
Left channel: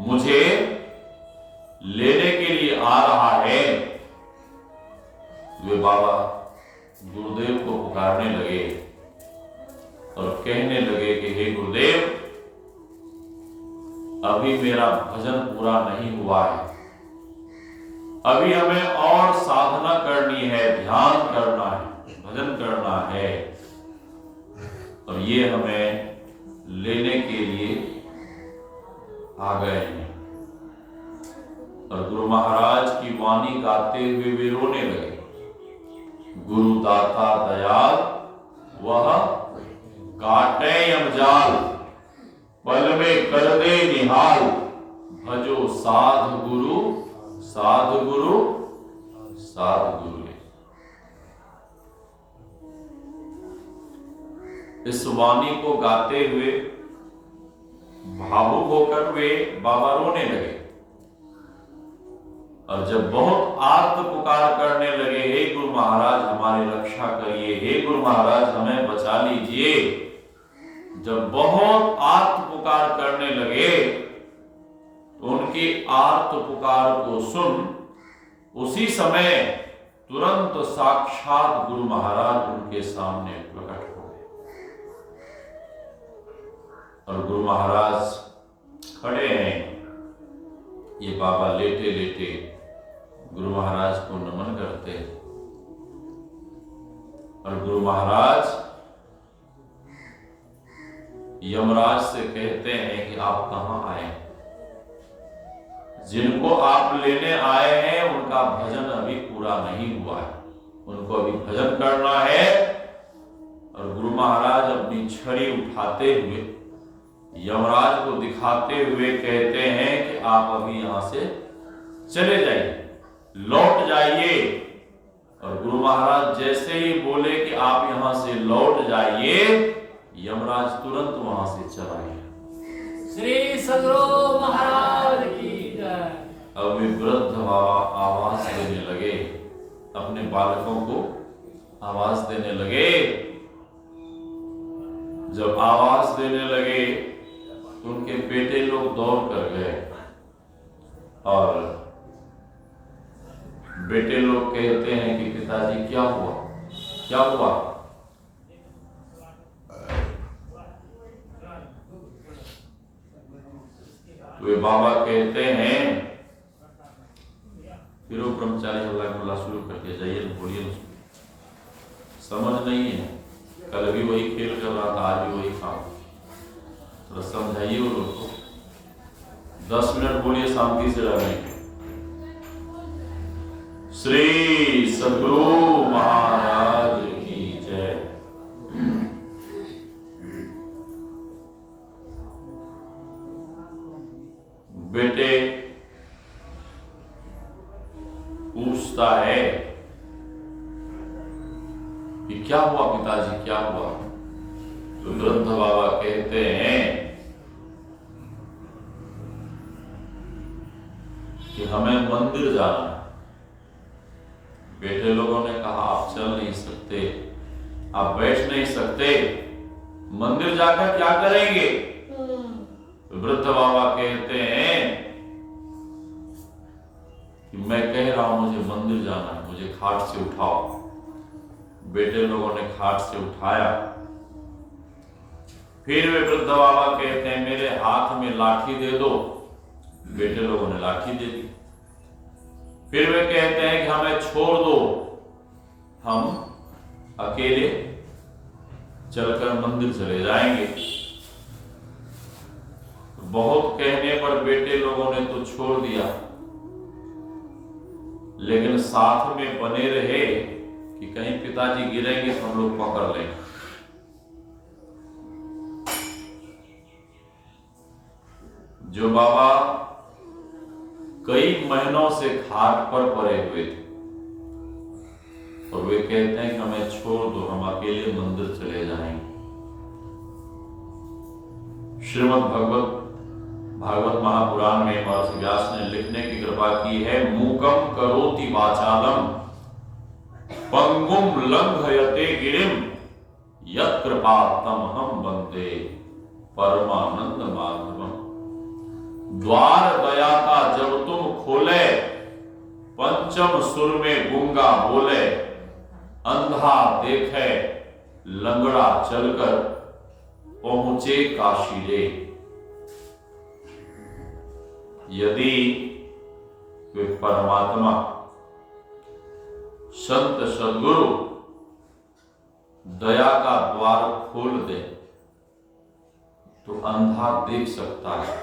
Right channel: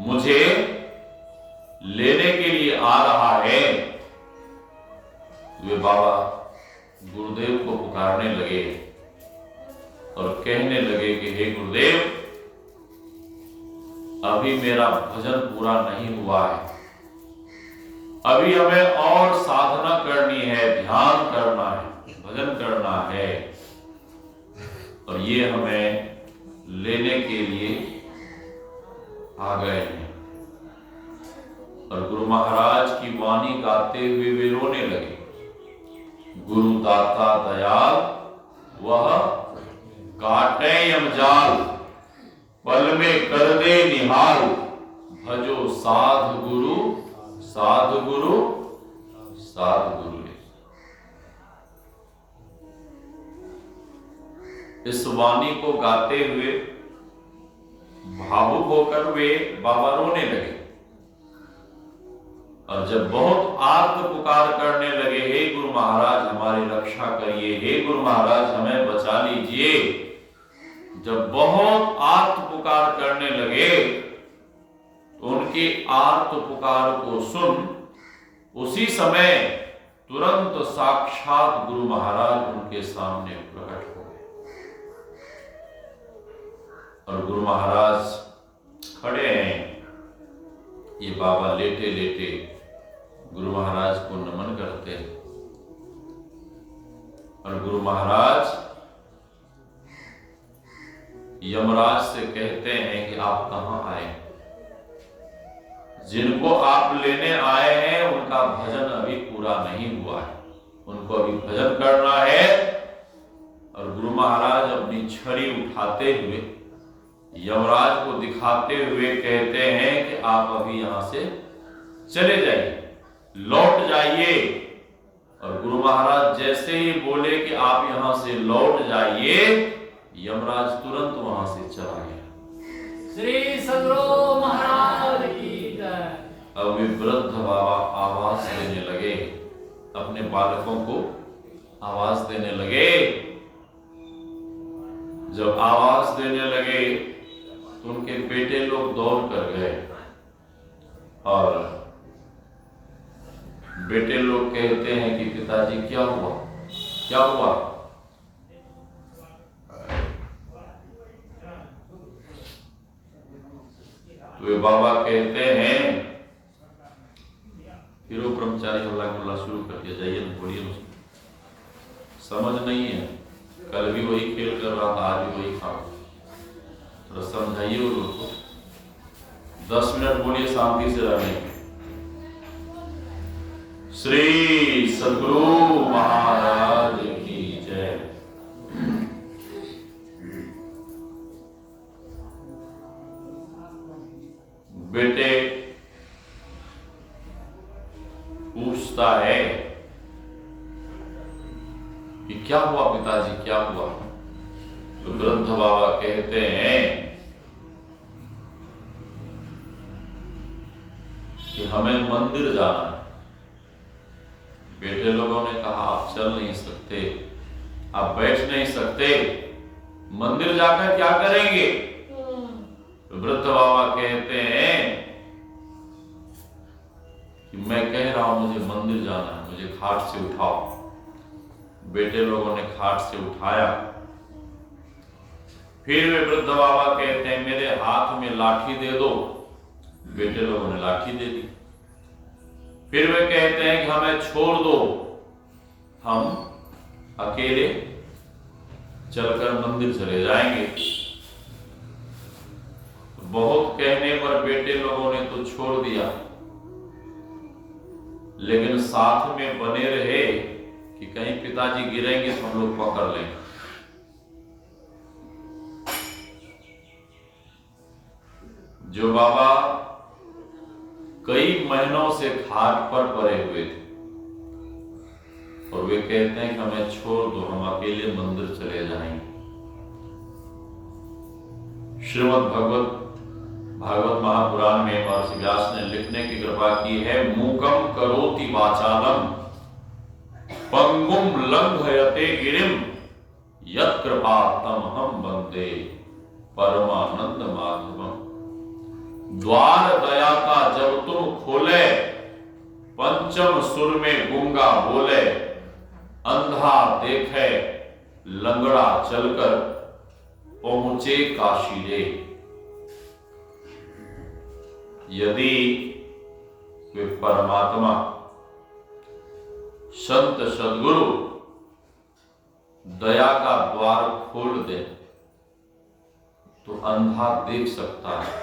मुझे लेने के लिए आ रहा है। वे बाबा गुरुदेव को पुकारने लगे और कहने लगे कि हे गुरुदेव, अभी मेरा भजन पूरा नहीं हुआ है, अभी हमें और साधना करनी है, ध्यान करना है, भजन करना है। और ये हमें लेने के लिए आ गए हैं। और गुरु महाराज की वाणी गाते हुए वे रोने लगे। गुरु दाता दयाल, वह काटे यमजाल, पल में कर दे निहाल, भजो साध गुरु, साध गुरु, साध गुरु। इस वाणी को गाते हुए भावुक होकर वे बाबा रोने लगे। और जब बहुत आर्त पुकार करने लगे, हे गुरु महाराज हमारी रक्षा करिए, हे गुरु महाराज हमें बचा लीजिए, जब बहुत आर्त पुकार करने लगे तो उनकी आर्त पुकार को सुन उसी समय तुरंत साक्षात गुरु महाराज उनके सामने प्रकट हो गए और गुरु महाराज खड़े हैं। ये बाबा लेटे लेटे गुरु महाराज को नमन करते हैं और गुरु महाराज यमराज से कहते हैं कि आप कहां आए? जिनको आप लेने आए हैं उनका भजन अभी पूरा नहीं हुआ है, उनको अभी भजन करना है। और गुरु महाराज अपनी छड़ी उठाते हुए यमराज को दिखाते हुए कहते हैं कि आप अभी यहां से चले जाइए, लौट जाइए। और गुरु महाराज जैसे ही बोले कि आप यहां से लौट जाइए, यमराज तुरंत वहां से चला गया। श्री सद्गुरु महाराज की जय। अब वे वृद्ध बाबा आवाज देने लगे, अपने बालकों को आवाज देने लगे। जब आवाज देने लगे तो उनके बेटे लोग दौड़ कर गए और बेटे लोग कहते हैं कि पिताजी क्या हुआ, क्या हुआ? वे बाबा कहते हैं, फिर वो ब्रह्मचारी हल्ला गुल्ला शुरू कर दिया, जाइए ना, बोलिए ना, समझ नहीं है, कल भी वही खेल कर रहा था, आज भी वही खाओ, तो समझाइए वो लोग को। 10 मिनट बोलिए शांति से रहने के। श्री सद्गुरु महाराज की जय। बेटे पूछता है कि क्या हुआ पिताजी, क्या हुआ? तो वृद्ध बाबा कहते हैं कि हमें मंदिर जाना है। बेटे लोगों ने कहा आप चल नहीं सकते, आप बैठ नहीं सकते, मंदिर जाकर क्या करेंगे? वृद्ध बाबा कहते हैं कि मैं कह रहा हूं मुझे मंदिर जाना है, मुझे खाट से उठाओ। बेटे लोगों ने खाट से उठाया। फिर वे वृद्ध बाबा कहते हैं मेरे हाथ में लाठी दे दो। बेटे लोगों ने लाठी दे दी। फिर वे कहते हैं कि हमें छोड़ दो, हम अकेले चलकर मंदिर चले जाएंगे। बहुत कहने पर बेटे लोगों ने तो छोड़ दिया, लेकिन साथ में बने रहे कि कहीं पिताजी गिरेंगे तो हम लोग पकड़ लेंगे। जो बाबा कई महीनों से खाट पर पड़े हुए थे और वे कहते हैं कि हमें छोड़ दो, हम अकेले मंदिर चले जाएंगे। श्रीमद् भागवत महापुराण में महर्षि व्यास ने लिखने की कृपा की है, मूकम करोति वाचालम पंगुम लंघयते गिरिम यत् कृपा तमहं वंदे परमानंद माधवम। द्वार दया का जब तुम खोले, पंचम सुर में गूंगा बोले, अंधा देखे लंगड़ा चलकर पहुंचे काशी रे। यदि वे परमात्मा संत सद्गुरु दया का द्वार खोल दे तो अंधा देख सकता है,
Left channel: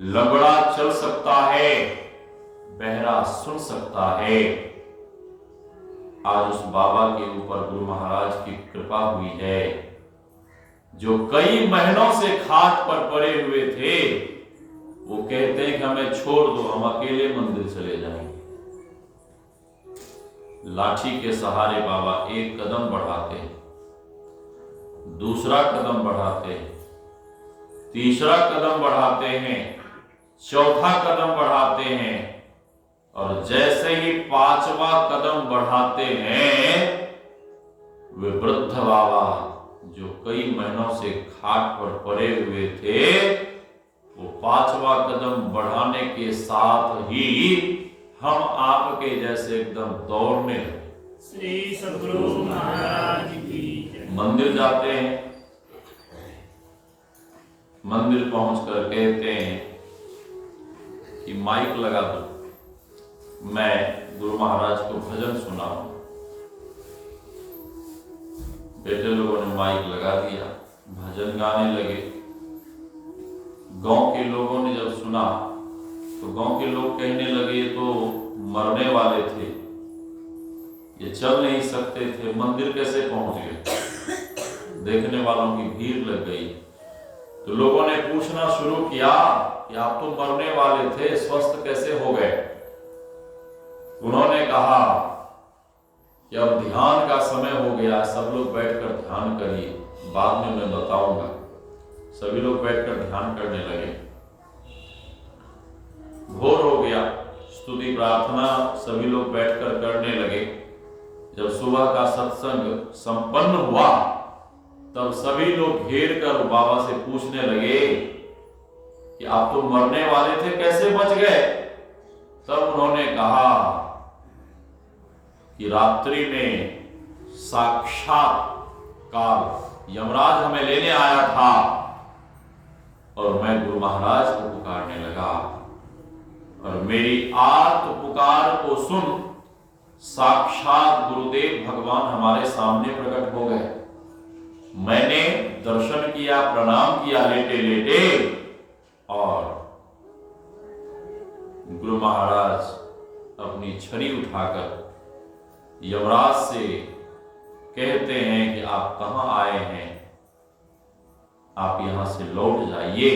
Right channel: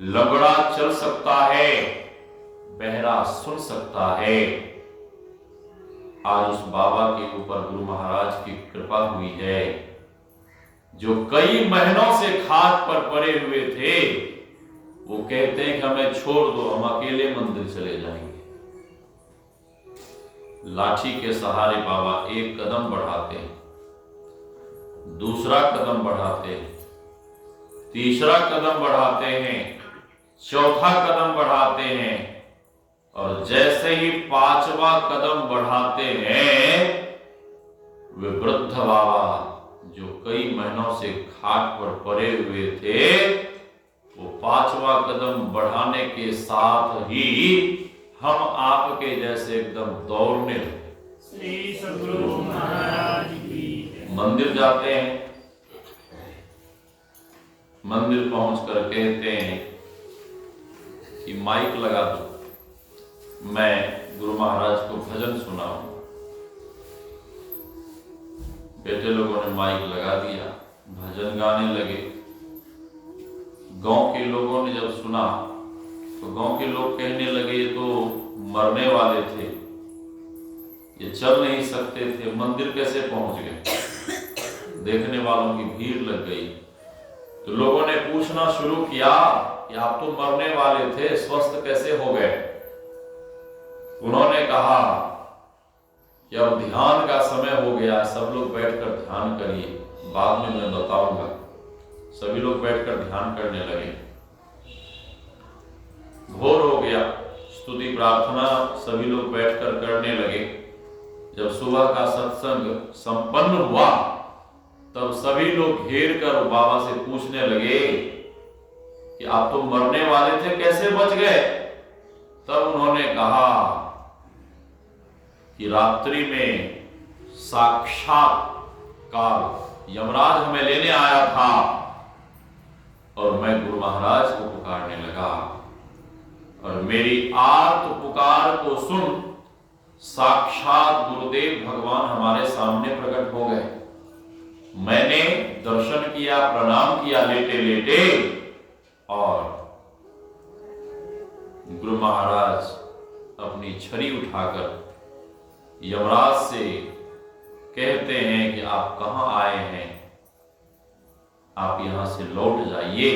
लंगड़ा चल सकता है, बहरा सुन सकता है। आज उस बाबा के ऊपर गुरु महाराज की कृपा हुई है, जो कई महीनों से खाट पर पड़े हुए थे। वो कहते हैं कि हमें छोड़ दो, हम अकेले मंदिर चले जाएंगे। लाठी के सहारे बाबा एक कदम बढ़ाते हैं, दूसरा कदम बढ़ाते हैं, तीसरा कदम बढ़ाते हैं, चौथा कदम बढ़ाते हैं और जैसे ही 5वां कदम बढ़ाते हैं, वे वृद्ध बाबा जो कई महीनों से खाट पर पड़े हुए थे, वो 5वां कदम बढ़ाने के साथ ही हम आपके जैसे एकदम दौड़ने लगे। श्री सद्गुरु महाराज की जय। मंदिर जाते हैं, मंदिर पहुंचकर कहते हैं कि माइक लगा दो, मैं गुरु महाराज को भजन सुनाऊं। बेटे लोगों ने माइक लगा दिया, भजन गाने लगे। गांव के लोगों ने जब सुना तो गांव के लोग कहने लगे ये तो मरने वाले थे, ये चल नहीं सकते थे, मंदिर कैसे पहुंच गए। देखने वालों की भीड़ लग गई तो लोगों ने पूछना शुरू किया कि आप तो मरने वाले थे, स्वस्थ कैसे हो गए। उन्होंने कहा कि अब ध्यान का समय हो गया, सब लोग बैठकर ध्यान करिए, बाद में मैं बताऊंगा। सभी लोग बैठकर ध्यान करने लगे। भोर हो गया, स्तुति प्रार्थना सभी लोग बैठकर करने लगे। जब सुबह का सत्संग संपन्न हुआ तब सभी लोग घेर कर बाबा से पूछने लगे कि आप तो मरने वाले थे, कैसे बच गए। तब उन्होंने कहा कि रात्रि में साक्षात काल यमराज हमें लेने आया था और मैं गुरु महाराज को पुकारने लगा और मेरी आर्त पुकार को सुन साक्षात गुरुदेव भगवान हमारे सामने प्रकट हो गए। मैंने दर्शन किया, प्रणाम किया लेटे लेटे, और गुरु महाराज अपनी छड़ी उठाकर यमराज से कहते हैं कि आप कहां आए हैं, आप यहां से लौट जाइए।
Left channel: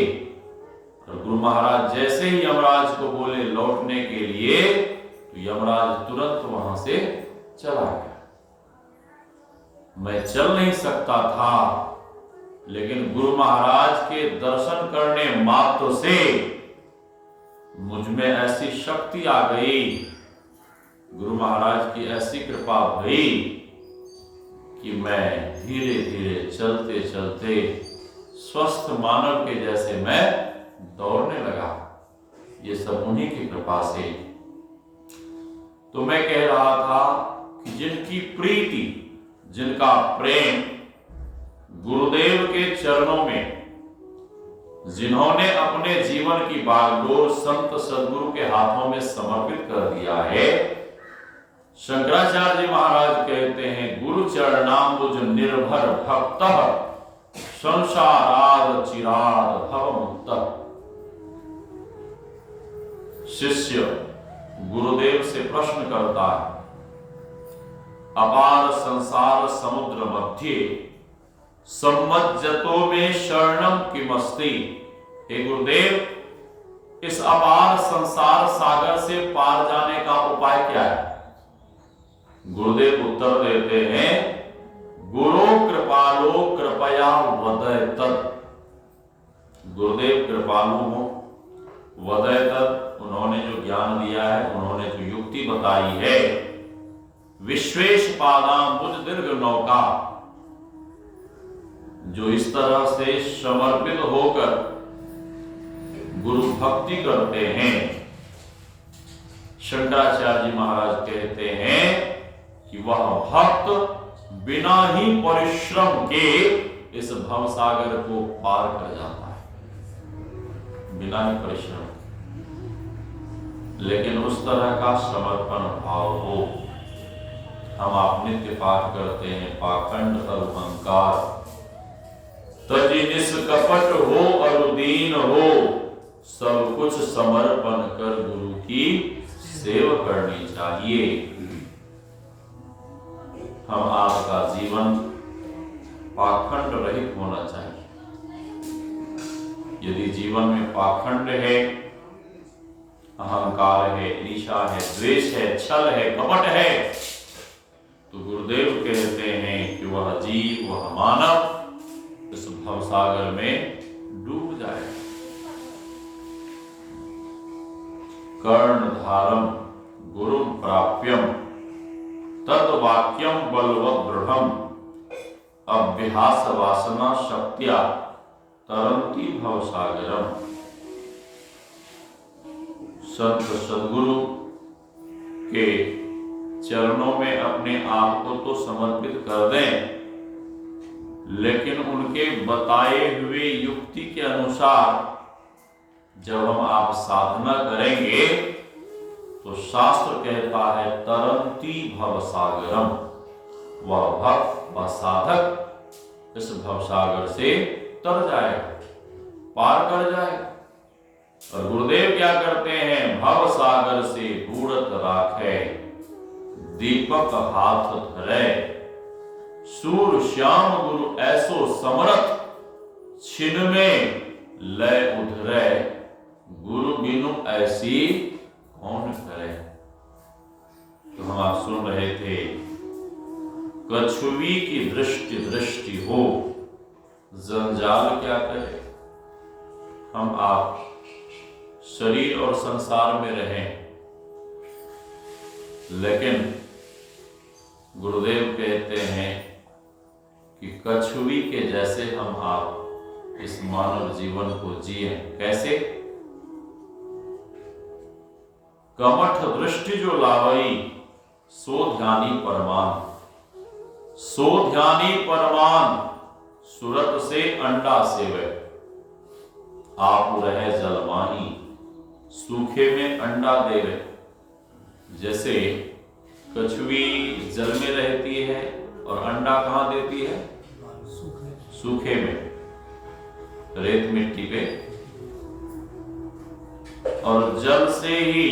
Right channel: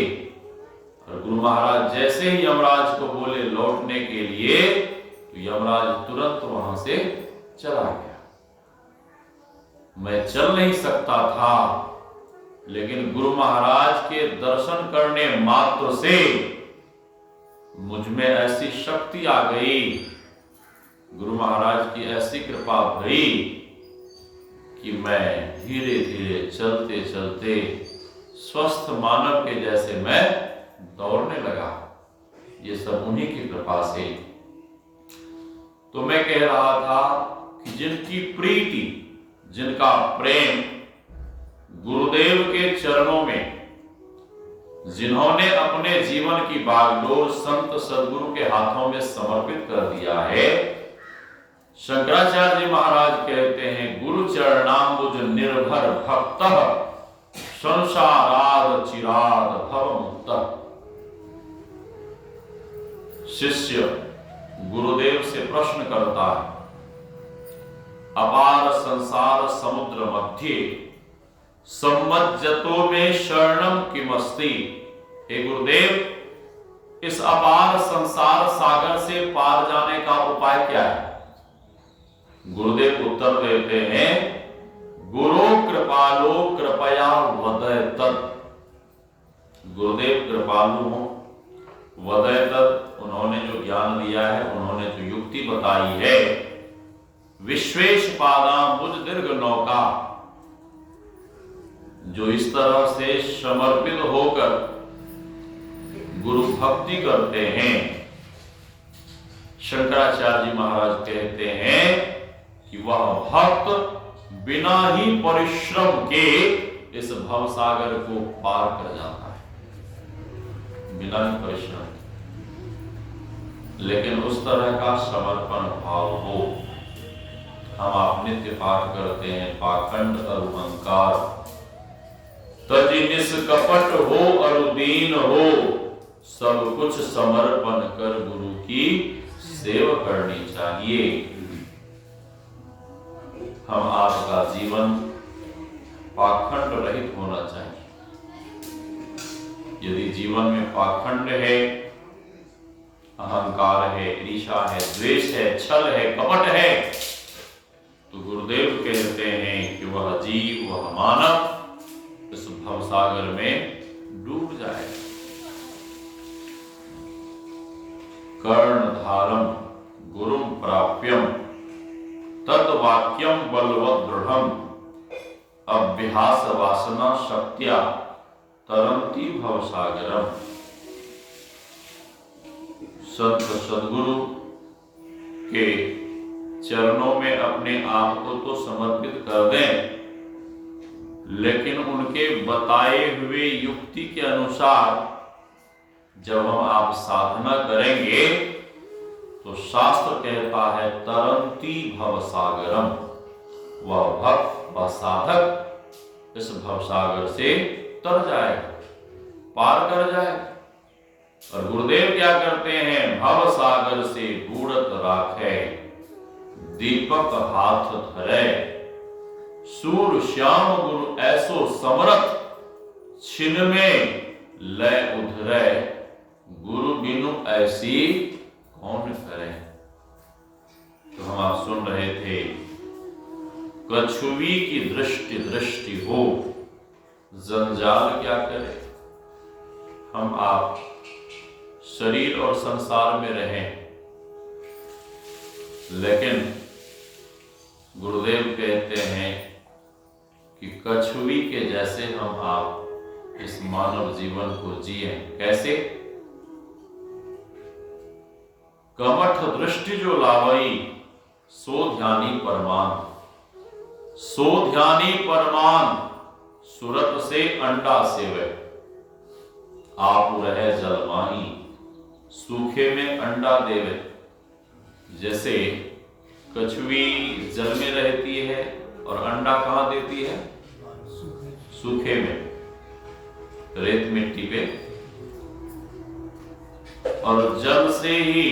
और गुरु महाराज जैसे ही यमराज को बोले लौटने के लिए तो यमराज तुरंत वहां से चला गया। मैं चल नहीं सकता था, लेकिन गुरु महाराज के दर्शन करने मात्र से मुझ में ऐसी शक्ति आ गई, गुरु महाराज की ऐसी कृपा हुई कि मैं धीरे धीरे चलते चलते स्वस्थ मानव के जैसे मैं दौड़ने लगा। ये सब उन्हीं की कृपा से। तो मैं कह रहा था कि जिनकी प्रीति, जिनका प्रेम गुरुदेव के चरणों में, जिन्होंने अपने जीवन की बागडोर संत सद्गुरु के हाथों में समर्पित कर दिया है, शंकराचार्य जी महाराज कहते हैं गुरु चरणाम्बुज निर्भर भक्त संसाराद चिराद भव मुक्त। शिष्य गुरुदेव से प्रश्न करता है, अपार संसार समुद्र मध्य सम्मज्जतो में शरणम किमस्ति। हे गुरुदेव, इस अपार संसार सागर से पार जाने का उपाय क्या है। गुरुदेव उत्तर देते हैं, गुरु कृपालो कृपया वदय तत्। गुरुदेव कृपालु हो, वदय तत्, उन्होंने जो ज्ञान दिया है, उन्होंने जो युक्ति बताई है, विश्वेश पादाम्बुज दीर्घ नौका, जो इस तरह से समर्पित होकर गुरु भक्ति करते हैं, शंकराचार्य जी महाराज कहते हैं कि वह भक्त बिना ही परिश्रम के इस भवसागर को पार कर जाता है, बिना ही परिश्रम। लेकिन उस तरह का समर्पण भाव हो। हम आप नित्य पाठ करते हैं, पाखंड अहंकार तजी निष्कपट हो अरुदीन हो, सब कुछ समर्पण कर गुरु की सेवा करनी चाहिए। हम आपका जीवन पाखंड रहित होना चाहिए। यदि जीवन में पाखंड है, अहंकार है, ईर्ष्या है, द्वेष है, छल है, कपट है, तो गुरुदेव कहते हैं कि वह जीव, वह मानव इस भवसागर में डूब जाए। कर्णधारम गुरुम प्राप्यम तद्वाक्यम बलवत् दृढ़म अभ्यास वासना शक्त्या तरंती भवसागरम। संत सद्गुरु के चरणों में अपने आप को तो समर्पित कर दें, लेकिन उनके बताए हुए युक्ति के अनुसार जब हम आप साधना करेंगे तो शास्त्र कहता है तरंती भवसागरम, वह भक्त व साधक इस भवसागर से तर जाएगा, पार कर जाएगा। और गुरुदेव क्या करते हैं, भवसागर से बूढ़त राखे दीपक हाथ धरे, सूर श्याम गुरु ऐसो समरथ छिन में लय उधरे, गुरु बिनु ऐसी कौन करे। तो हम आप सुन रहे थे, कछुवी की दृष्टि दृष्टि हो जंजाल क्या करे। हम आप शरीर और संसार में रहें, लेकिन गुरुदेव कहते हैं कि कछुवी के जैसे हम आप इस मानव जीवन को जिए। कैसे? कमठ दृष्टि जो लावई सो ध्यानी परमान, सो ध्यानी परमान सुरत से अंडा सेवे, आप रहे जलमाही सूखे में अंडा देवे। जैसे कछुवी जल में रहती है और अंडा कहाँ देती है? सूखे में, रेत मिट्टी पे, और जल से ही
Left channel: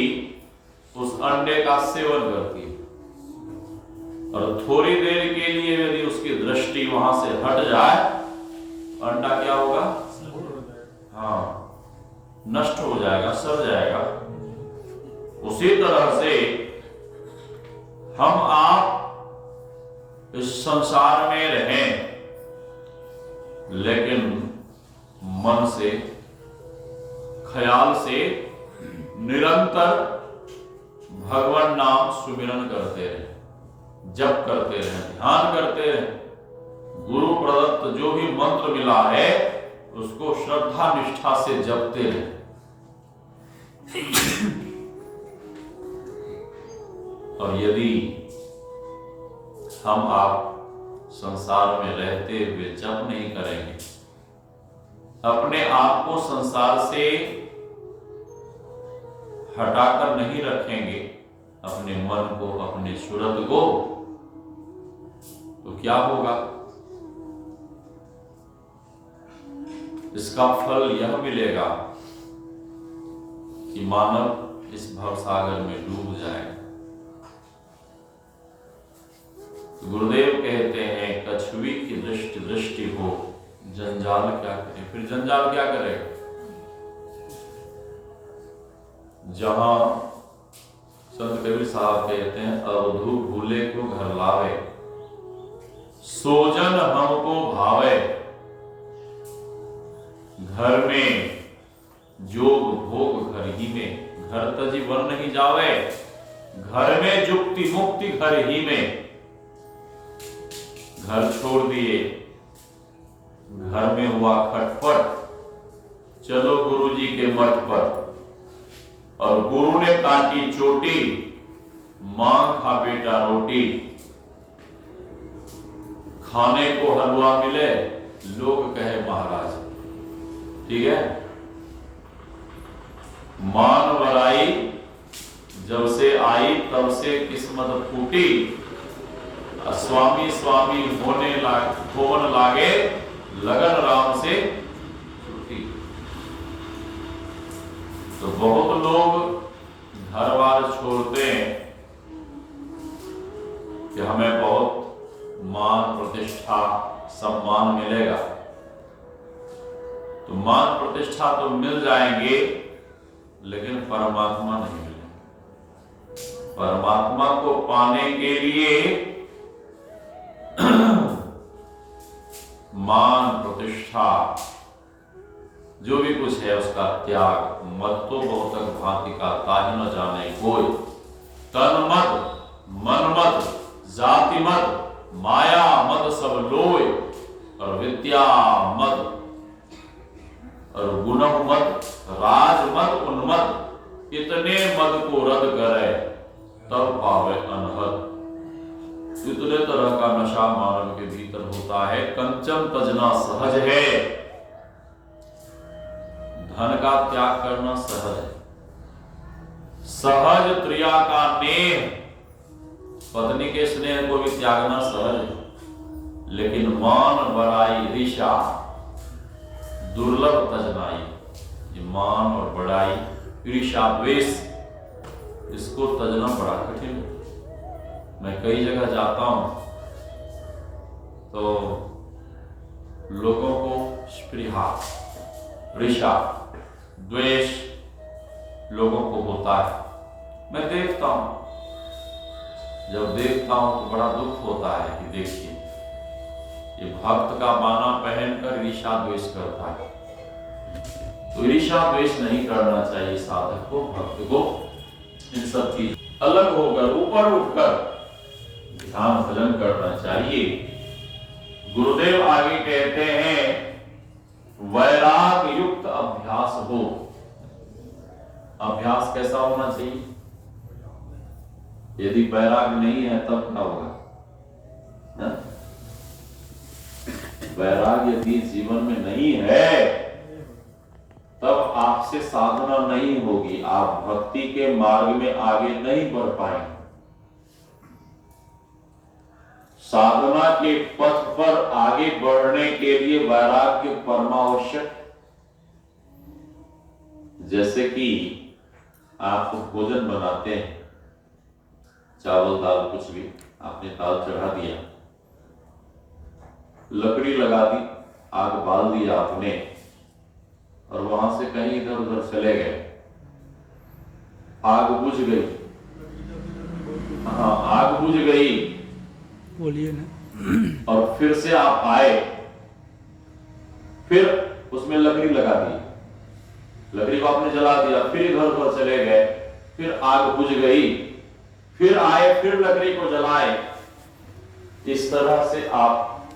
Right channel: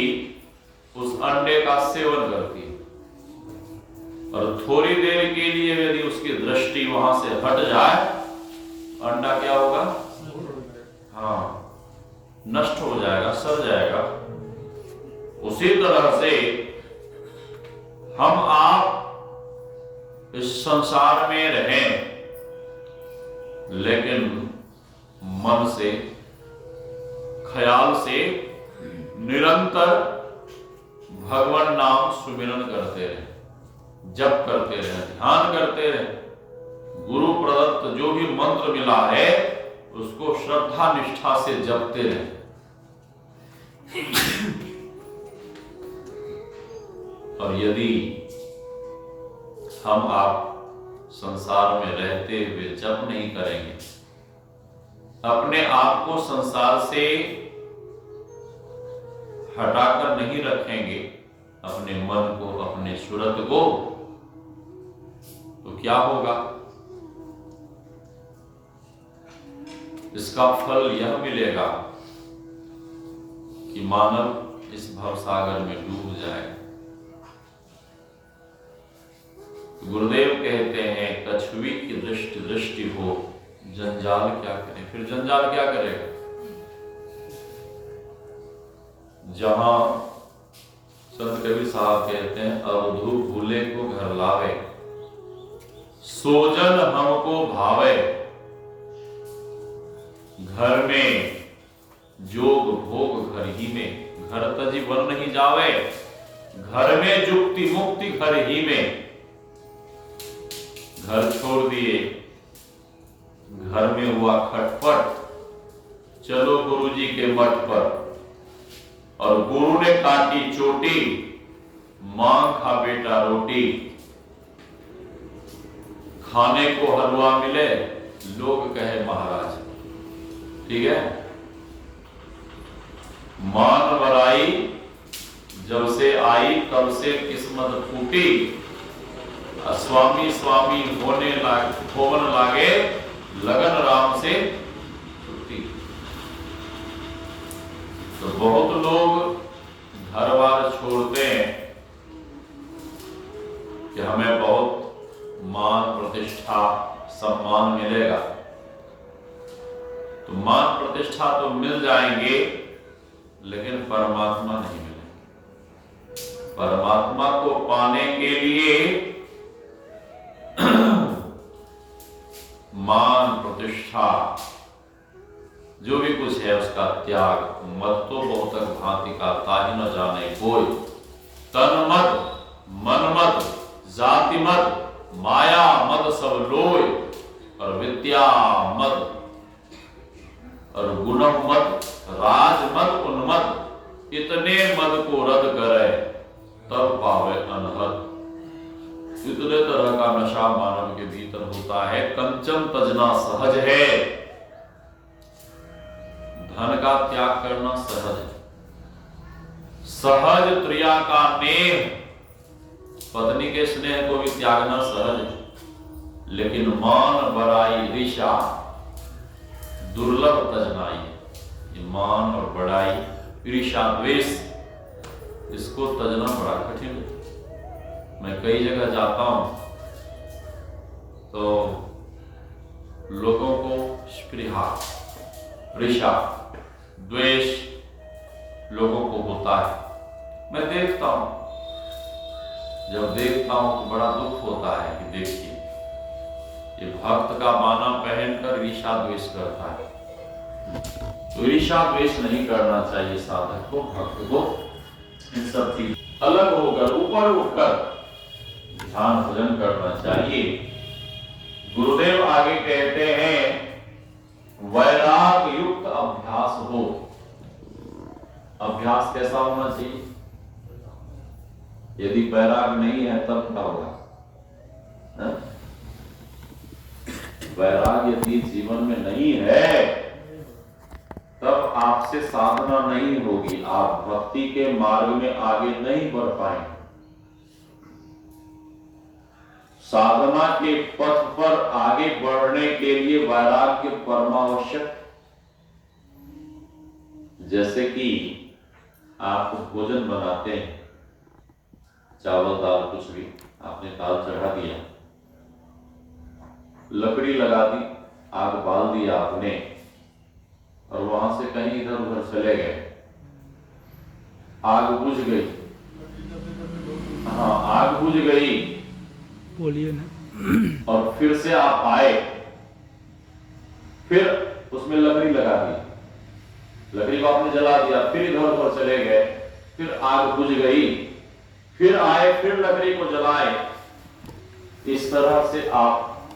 उस अंडे का सेवन करती है। और थोड़ी देर के लिए यदि उसकी दृष्टि वहां से हट जाए, अंडा क्या होगा? हाँ, नष्ट हो जाएगा, सड़ जाएगा। उसी तरह से हम आप इस संसार में रहें, लेकिन मन से, ख्याल से निरंतर भगवान नाम सुमिरन करते रहे, जप करते रहे, ध्यान करते रहे। गुरु प्रदत्त जो भी मंत्र मिला है उसको श्रद्धा निष्ठा से जपते रहे। और यदि हम आप संसार में रहते हुए जप नहीं करेंगे, अपने आप को संसार से हटाकर नहीं रखेंगे, अपने मन को, अपने सूरत को, तो क्या होगा? इसका फल यह मिलेगा कि मानव इस भवसागर में डूब जाए। गुरुदेव कहते हैं, कछुवी की दृष्टि दृष्टि हो जंजाल क्या करे। फिर जंजाल क्या करेगा? जहां संत कबीर साहब कहते हैं, अवधू भूले को घर लावे, सोजन हमको भावे, घर में जोग भोग घर ही में, घर तजी वन नहीं जावे, घर में जुक्ति मुक्ति घर ही में। घर छोड़ दिए, घर में हुआ खटपट, चलो गुरुजी के मठ पर, और गुरु ने काटी चोटी, मांग खा बेटा रोटी। खाने को हलवा मिले, लोग कहे महाराज। ठीक है, मान वराई जब से आई तब से किस्मत फूटी, स्वामी स्वामी होवन लागे, लगन राम से छूटी। तो बहुत लोग घर बार छोड़ते हैं कि हमें बहुत मान प्रतिष्ठा सम्मान मिलेगा। तो मान प्रतिष्ठा तो मिल जाएंगे, लेकिन परमात्मा नहीं मिलेंगे। परमात्मा को पाने के लिए मान प्रतिष्ठा जो भी कुछ है उसका त्याग। मत तो बहुतक भांति का ताहि न जाने कोई, तन मत, मन मत, जाति मत, माया मत सब लोय, और विद्या मत और गुण मत, राज मत, उन्मत, इतने मद को रद्द करे, तब पावे अनहद। इतने तरह का नशा मानव के भीतर होता है। कंचन तजना सहज है, धन का त्याग करना सहज है। सहज क्रिया का नेह, पत्नी के स्नेह को भी त्यागना सहज है। लेकिन मान बड़ाई ऋषा दुर्लभ तजनाई। ये मान और बड़ाई, ईर्ष्या द्वेष, इसको तजना बड़ा कठिन है। मैं कई जगह जाता हूं तो लोगों को स्पृहा, ईर्ष्या, द्वेष लोगों को होता है। मैं देखता हूं, जब देखता हूं तो बड़ा दुख होता है कि देखिए ये भक्त का बाना पहनकर ईर्ष्या द्वेष करता है। तो ईर्ष्या द्वेष नहीं करना चाहिए साधक को, भक्त को। इन सब चीज अलग होकर, ऊपर उठकर ध्यान भजन करना चाहिए। गुरुदेव आगे कहते हैं वैराग युक्त अभ्यास हो। अभ्यास कैसा होना चाहिए? यदि वैराग नहीं है तब क्या होगा? वैराग यदि जीवन में नहीं है तब आपसे साधना नहीं होगी, आप भक्ति के मार्ग में आगे नहीं बढ़ पाएंगे। साधना के पथ पर आगे बढ़ने के लिए वैराग्य परमावश्यक। जैसे कि आप भोजन बनाते हैं, चावल दाल कुछ भी, आपने दाल चढ़ा दिया, लकड़ी लगा दी, आग बाल दी आपने, और वहां से कहीं इधर उधर चले गए, आग बुझ गई। हाँ, आग बुझ गई, बोलिए ना। और फिर से आप आए, फिर उसमें लकड़ी लगा दी, लकड़ी को आपने जला दिया, फिर इधर उधर चले गए, फिर आग बुझ गई, फिर आए, फिर लकड़ी को जलाए। इस तरह से आप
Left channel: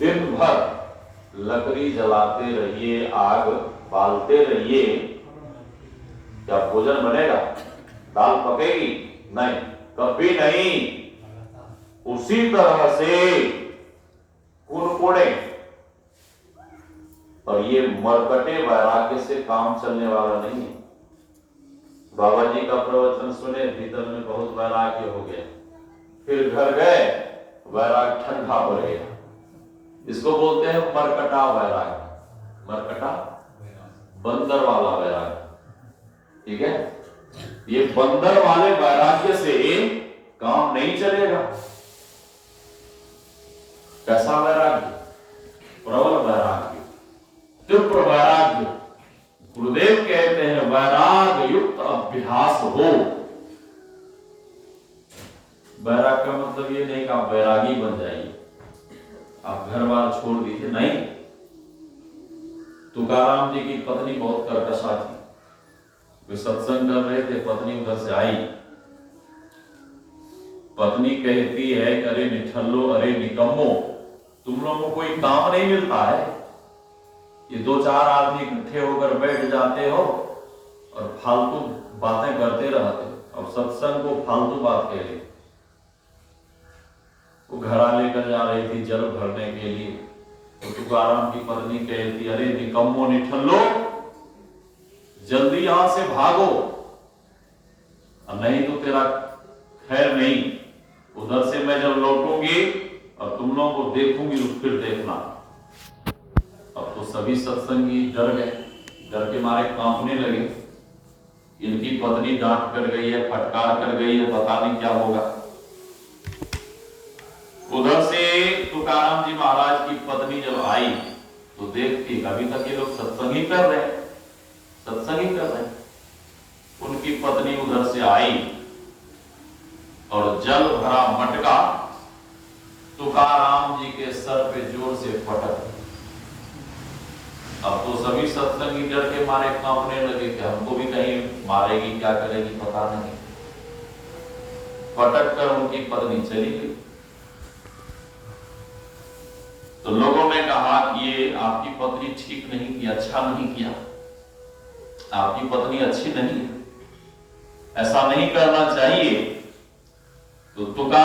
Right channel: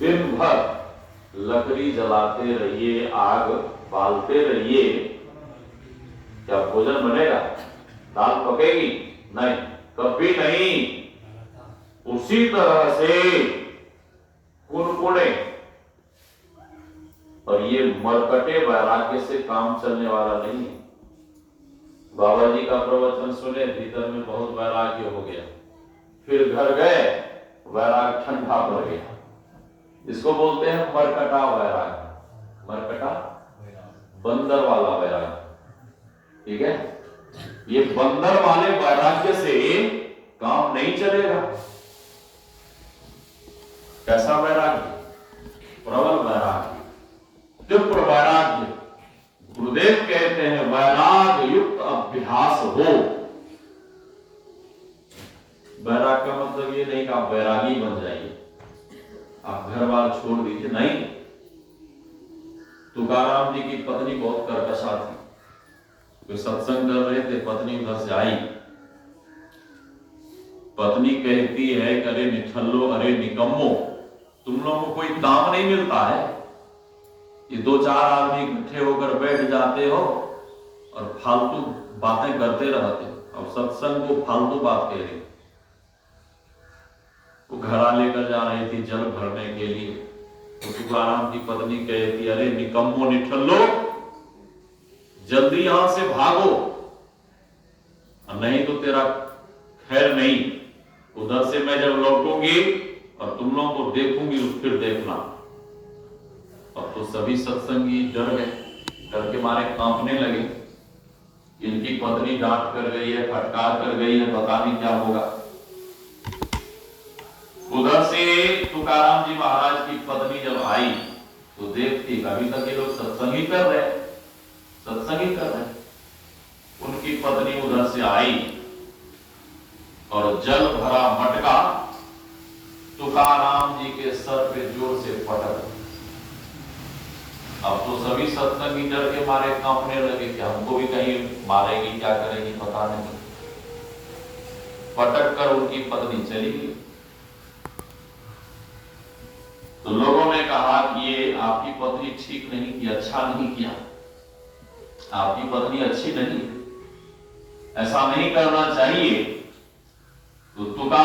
दिन भर लकड़ी जलाते रहिए, आग बालते रहिए, क्या भोजन बनेगा? दाल पकेगी? नहीं, कभी नहीं। उसी तरह से कुड़कुड़े, और ये मरकटे वैराग्य से काम चलने वाला नहीं। बाबा जी का प्रवचन सुने, भीतर में बहुत वैराग्य हो गया, फिर घर गए, वैराग ठंडा पड़ गया। इसको बोलते हैं मरकटा वैराग्य। मरकटा बंदर वाला वैराग्य, ठीक है? ये बंदर वाले वैराग्य से काम नहीं चलेगा। कैसा वैराग्य? प्रबल वैराग्य, तीव्र वैराग्य। गुरुदेव कहते हैं वैराग युक्त अभ्यास हो। वैराग का मतलब ये नहीं कि आप वैरागी बन जाइए, आप घर बार छोड़ दीजिए, नहीं। तुकाराम जी की पत्नी बहुत कर्कशा थी। वे सत्संग कर रहे थे, पत्नी उधर से आई, पत्नी कहती है कि अरे निठल्लो, अरे निकम्मो, तुम लोगों को कोई काम नहीं मिलता है? ये दो चार आदमी इकट्ठे होकर बैठ जाते हो और फालतू बातें करते रहते हो, और सत्संग को फालतू बात कह रही। वो घड़ा लेकर जा रही थी जल भरने के लिए, तो तुकाराम की पत्नी कहती, अरे निकम्मो निठल्लो, जल्दी यहां से भागो, नहीं तो तेरा खैर नहीं। उधर से मैं जब लौटूंगी और तुम लोगों को देखूंगी तो फिर देखना। अब तो सभी सत्संगी डर गए, डर के मारे कांपने लगे। इनकी पत्नी डांट कर गई है, फटकार कर गई है, पता नहीं क्या होगा। उधर से तुकाराम जी महाराज की पत्नी जब आई तो देखती अभी तक ये लोग सत्संग ही कर रहे, सत्संग ही कर रहे। उनकी पत्नी उधर से आई और जल भरा मटका तुकाराम जी के सर पे जोर से पटक। अब तो सभी सत्संगी डर के मारे कांपने लगे कि हमको भी कहीं मारेगी, क्या करेगी पता नहीं। पटक कर उनकी पत्नी चली गई। तो लोगों ने कहा कि ये आपकी पत्नी ठीक नहीं की, अच्छा नहीं किया, आपकी पत्नी अच्छी नहीं, ऐसा नहीं करना चाहिए। तो तुकार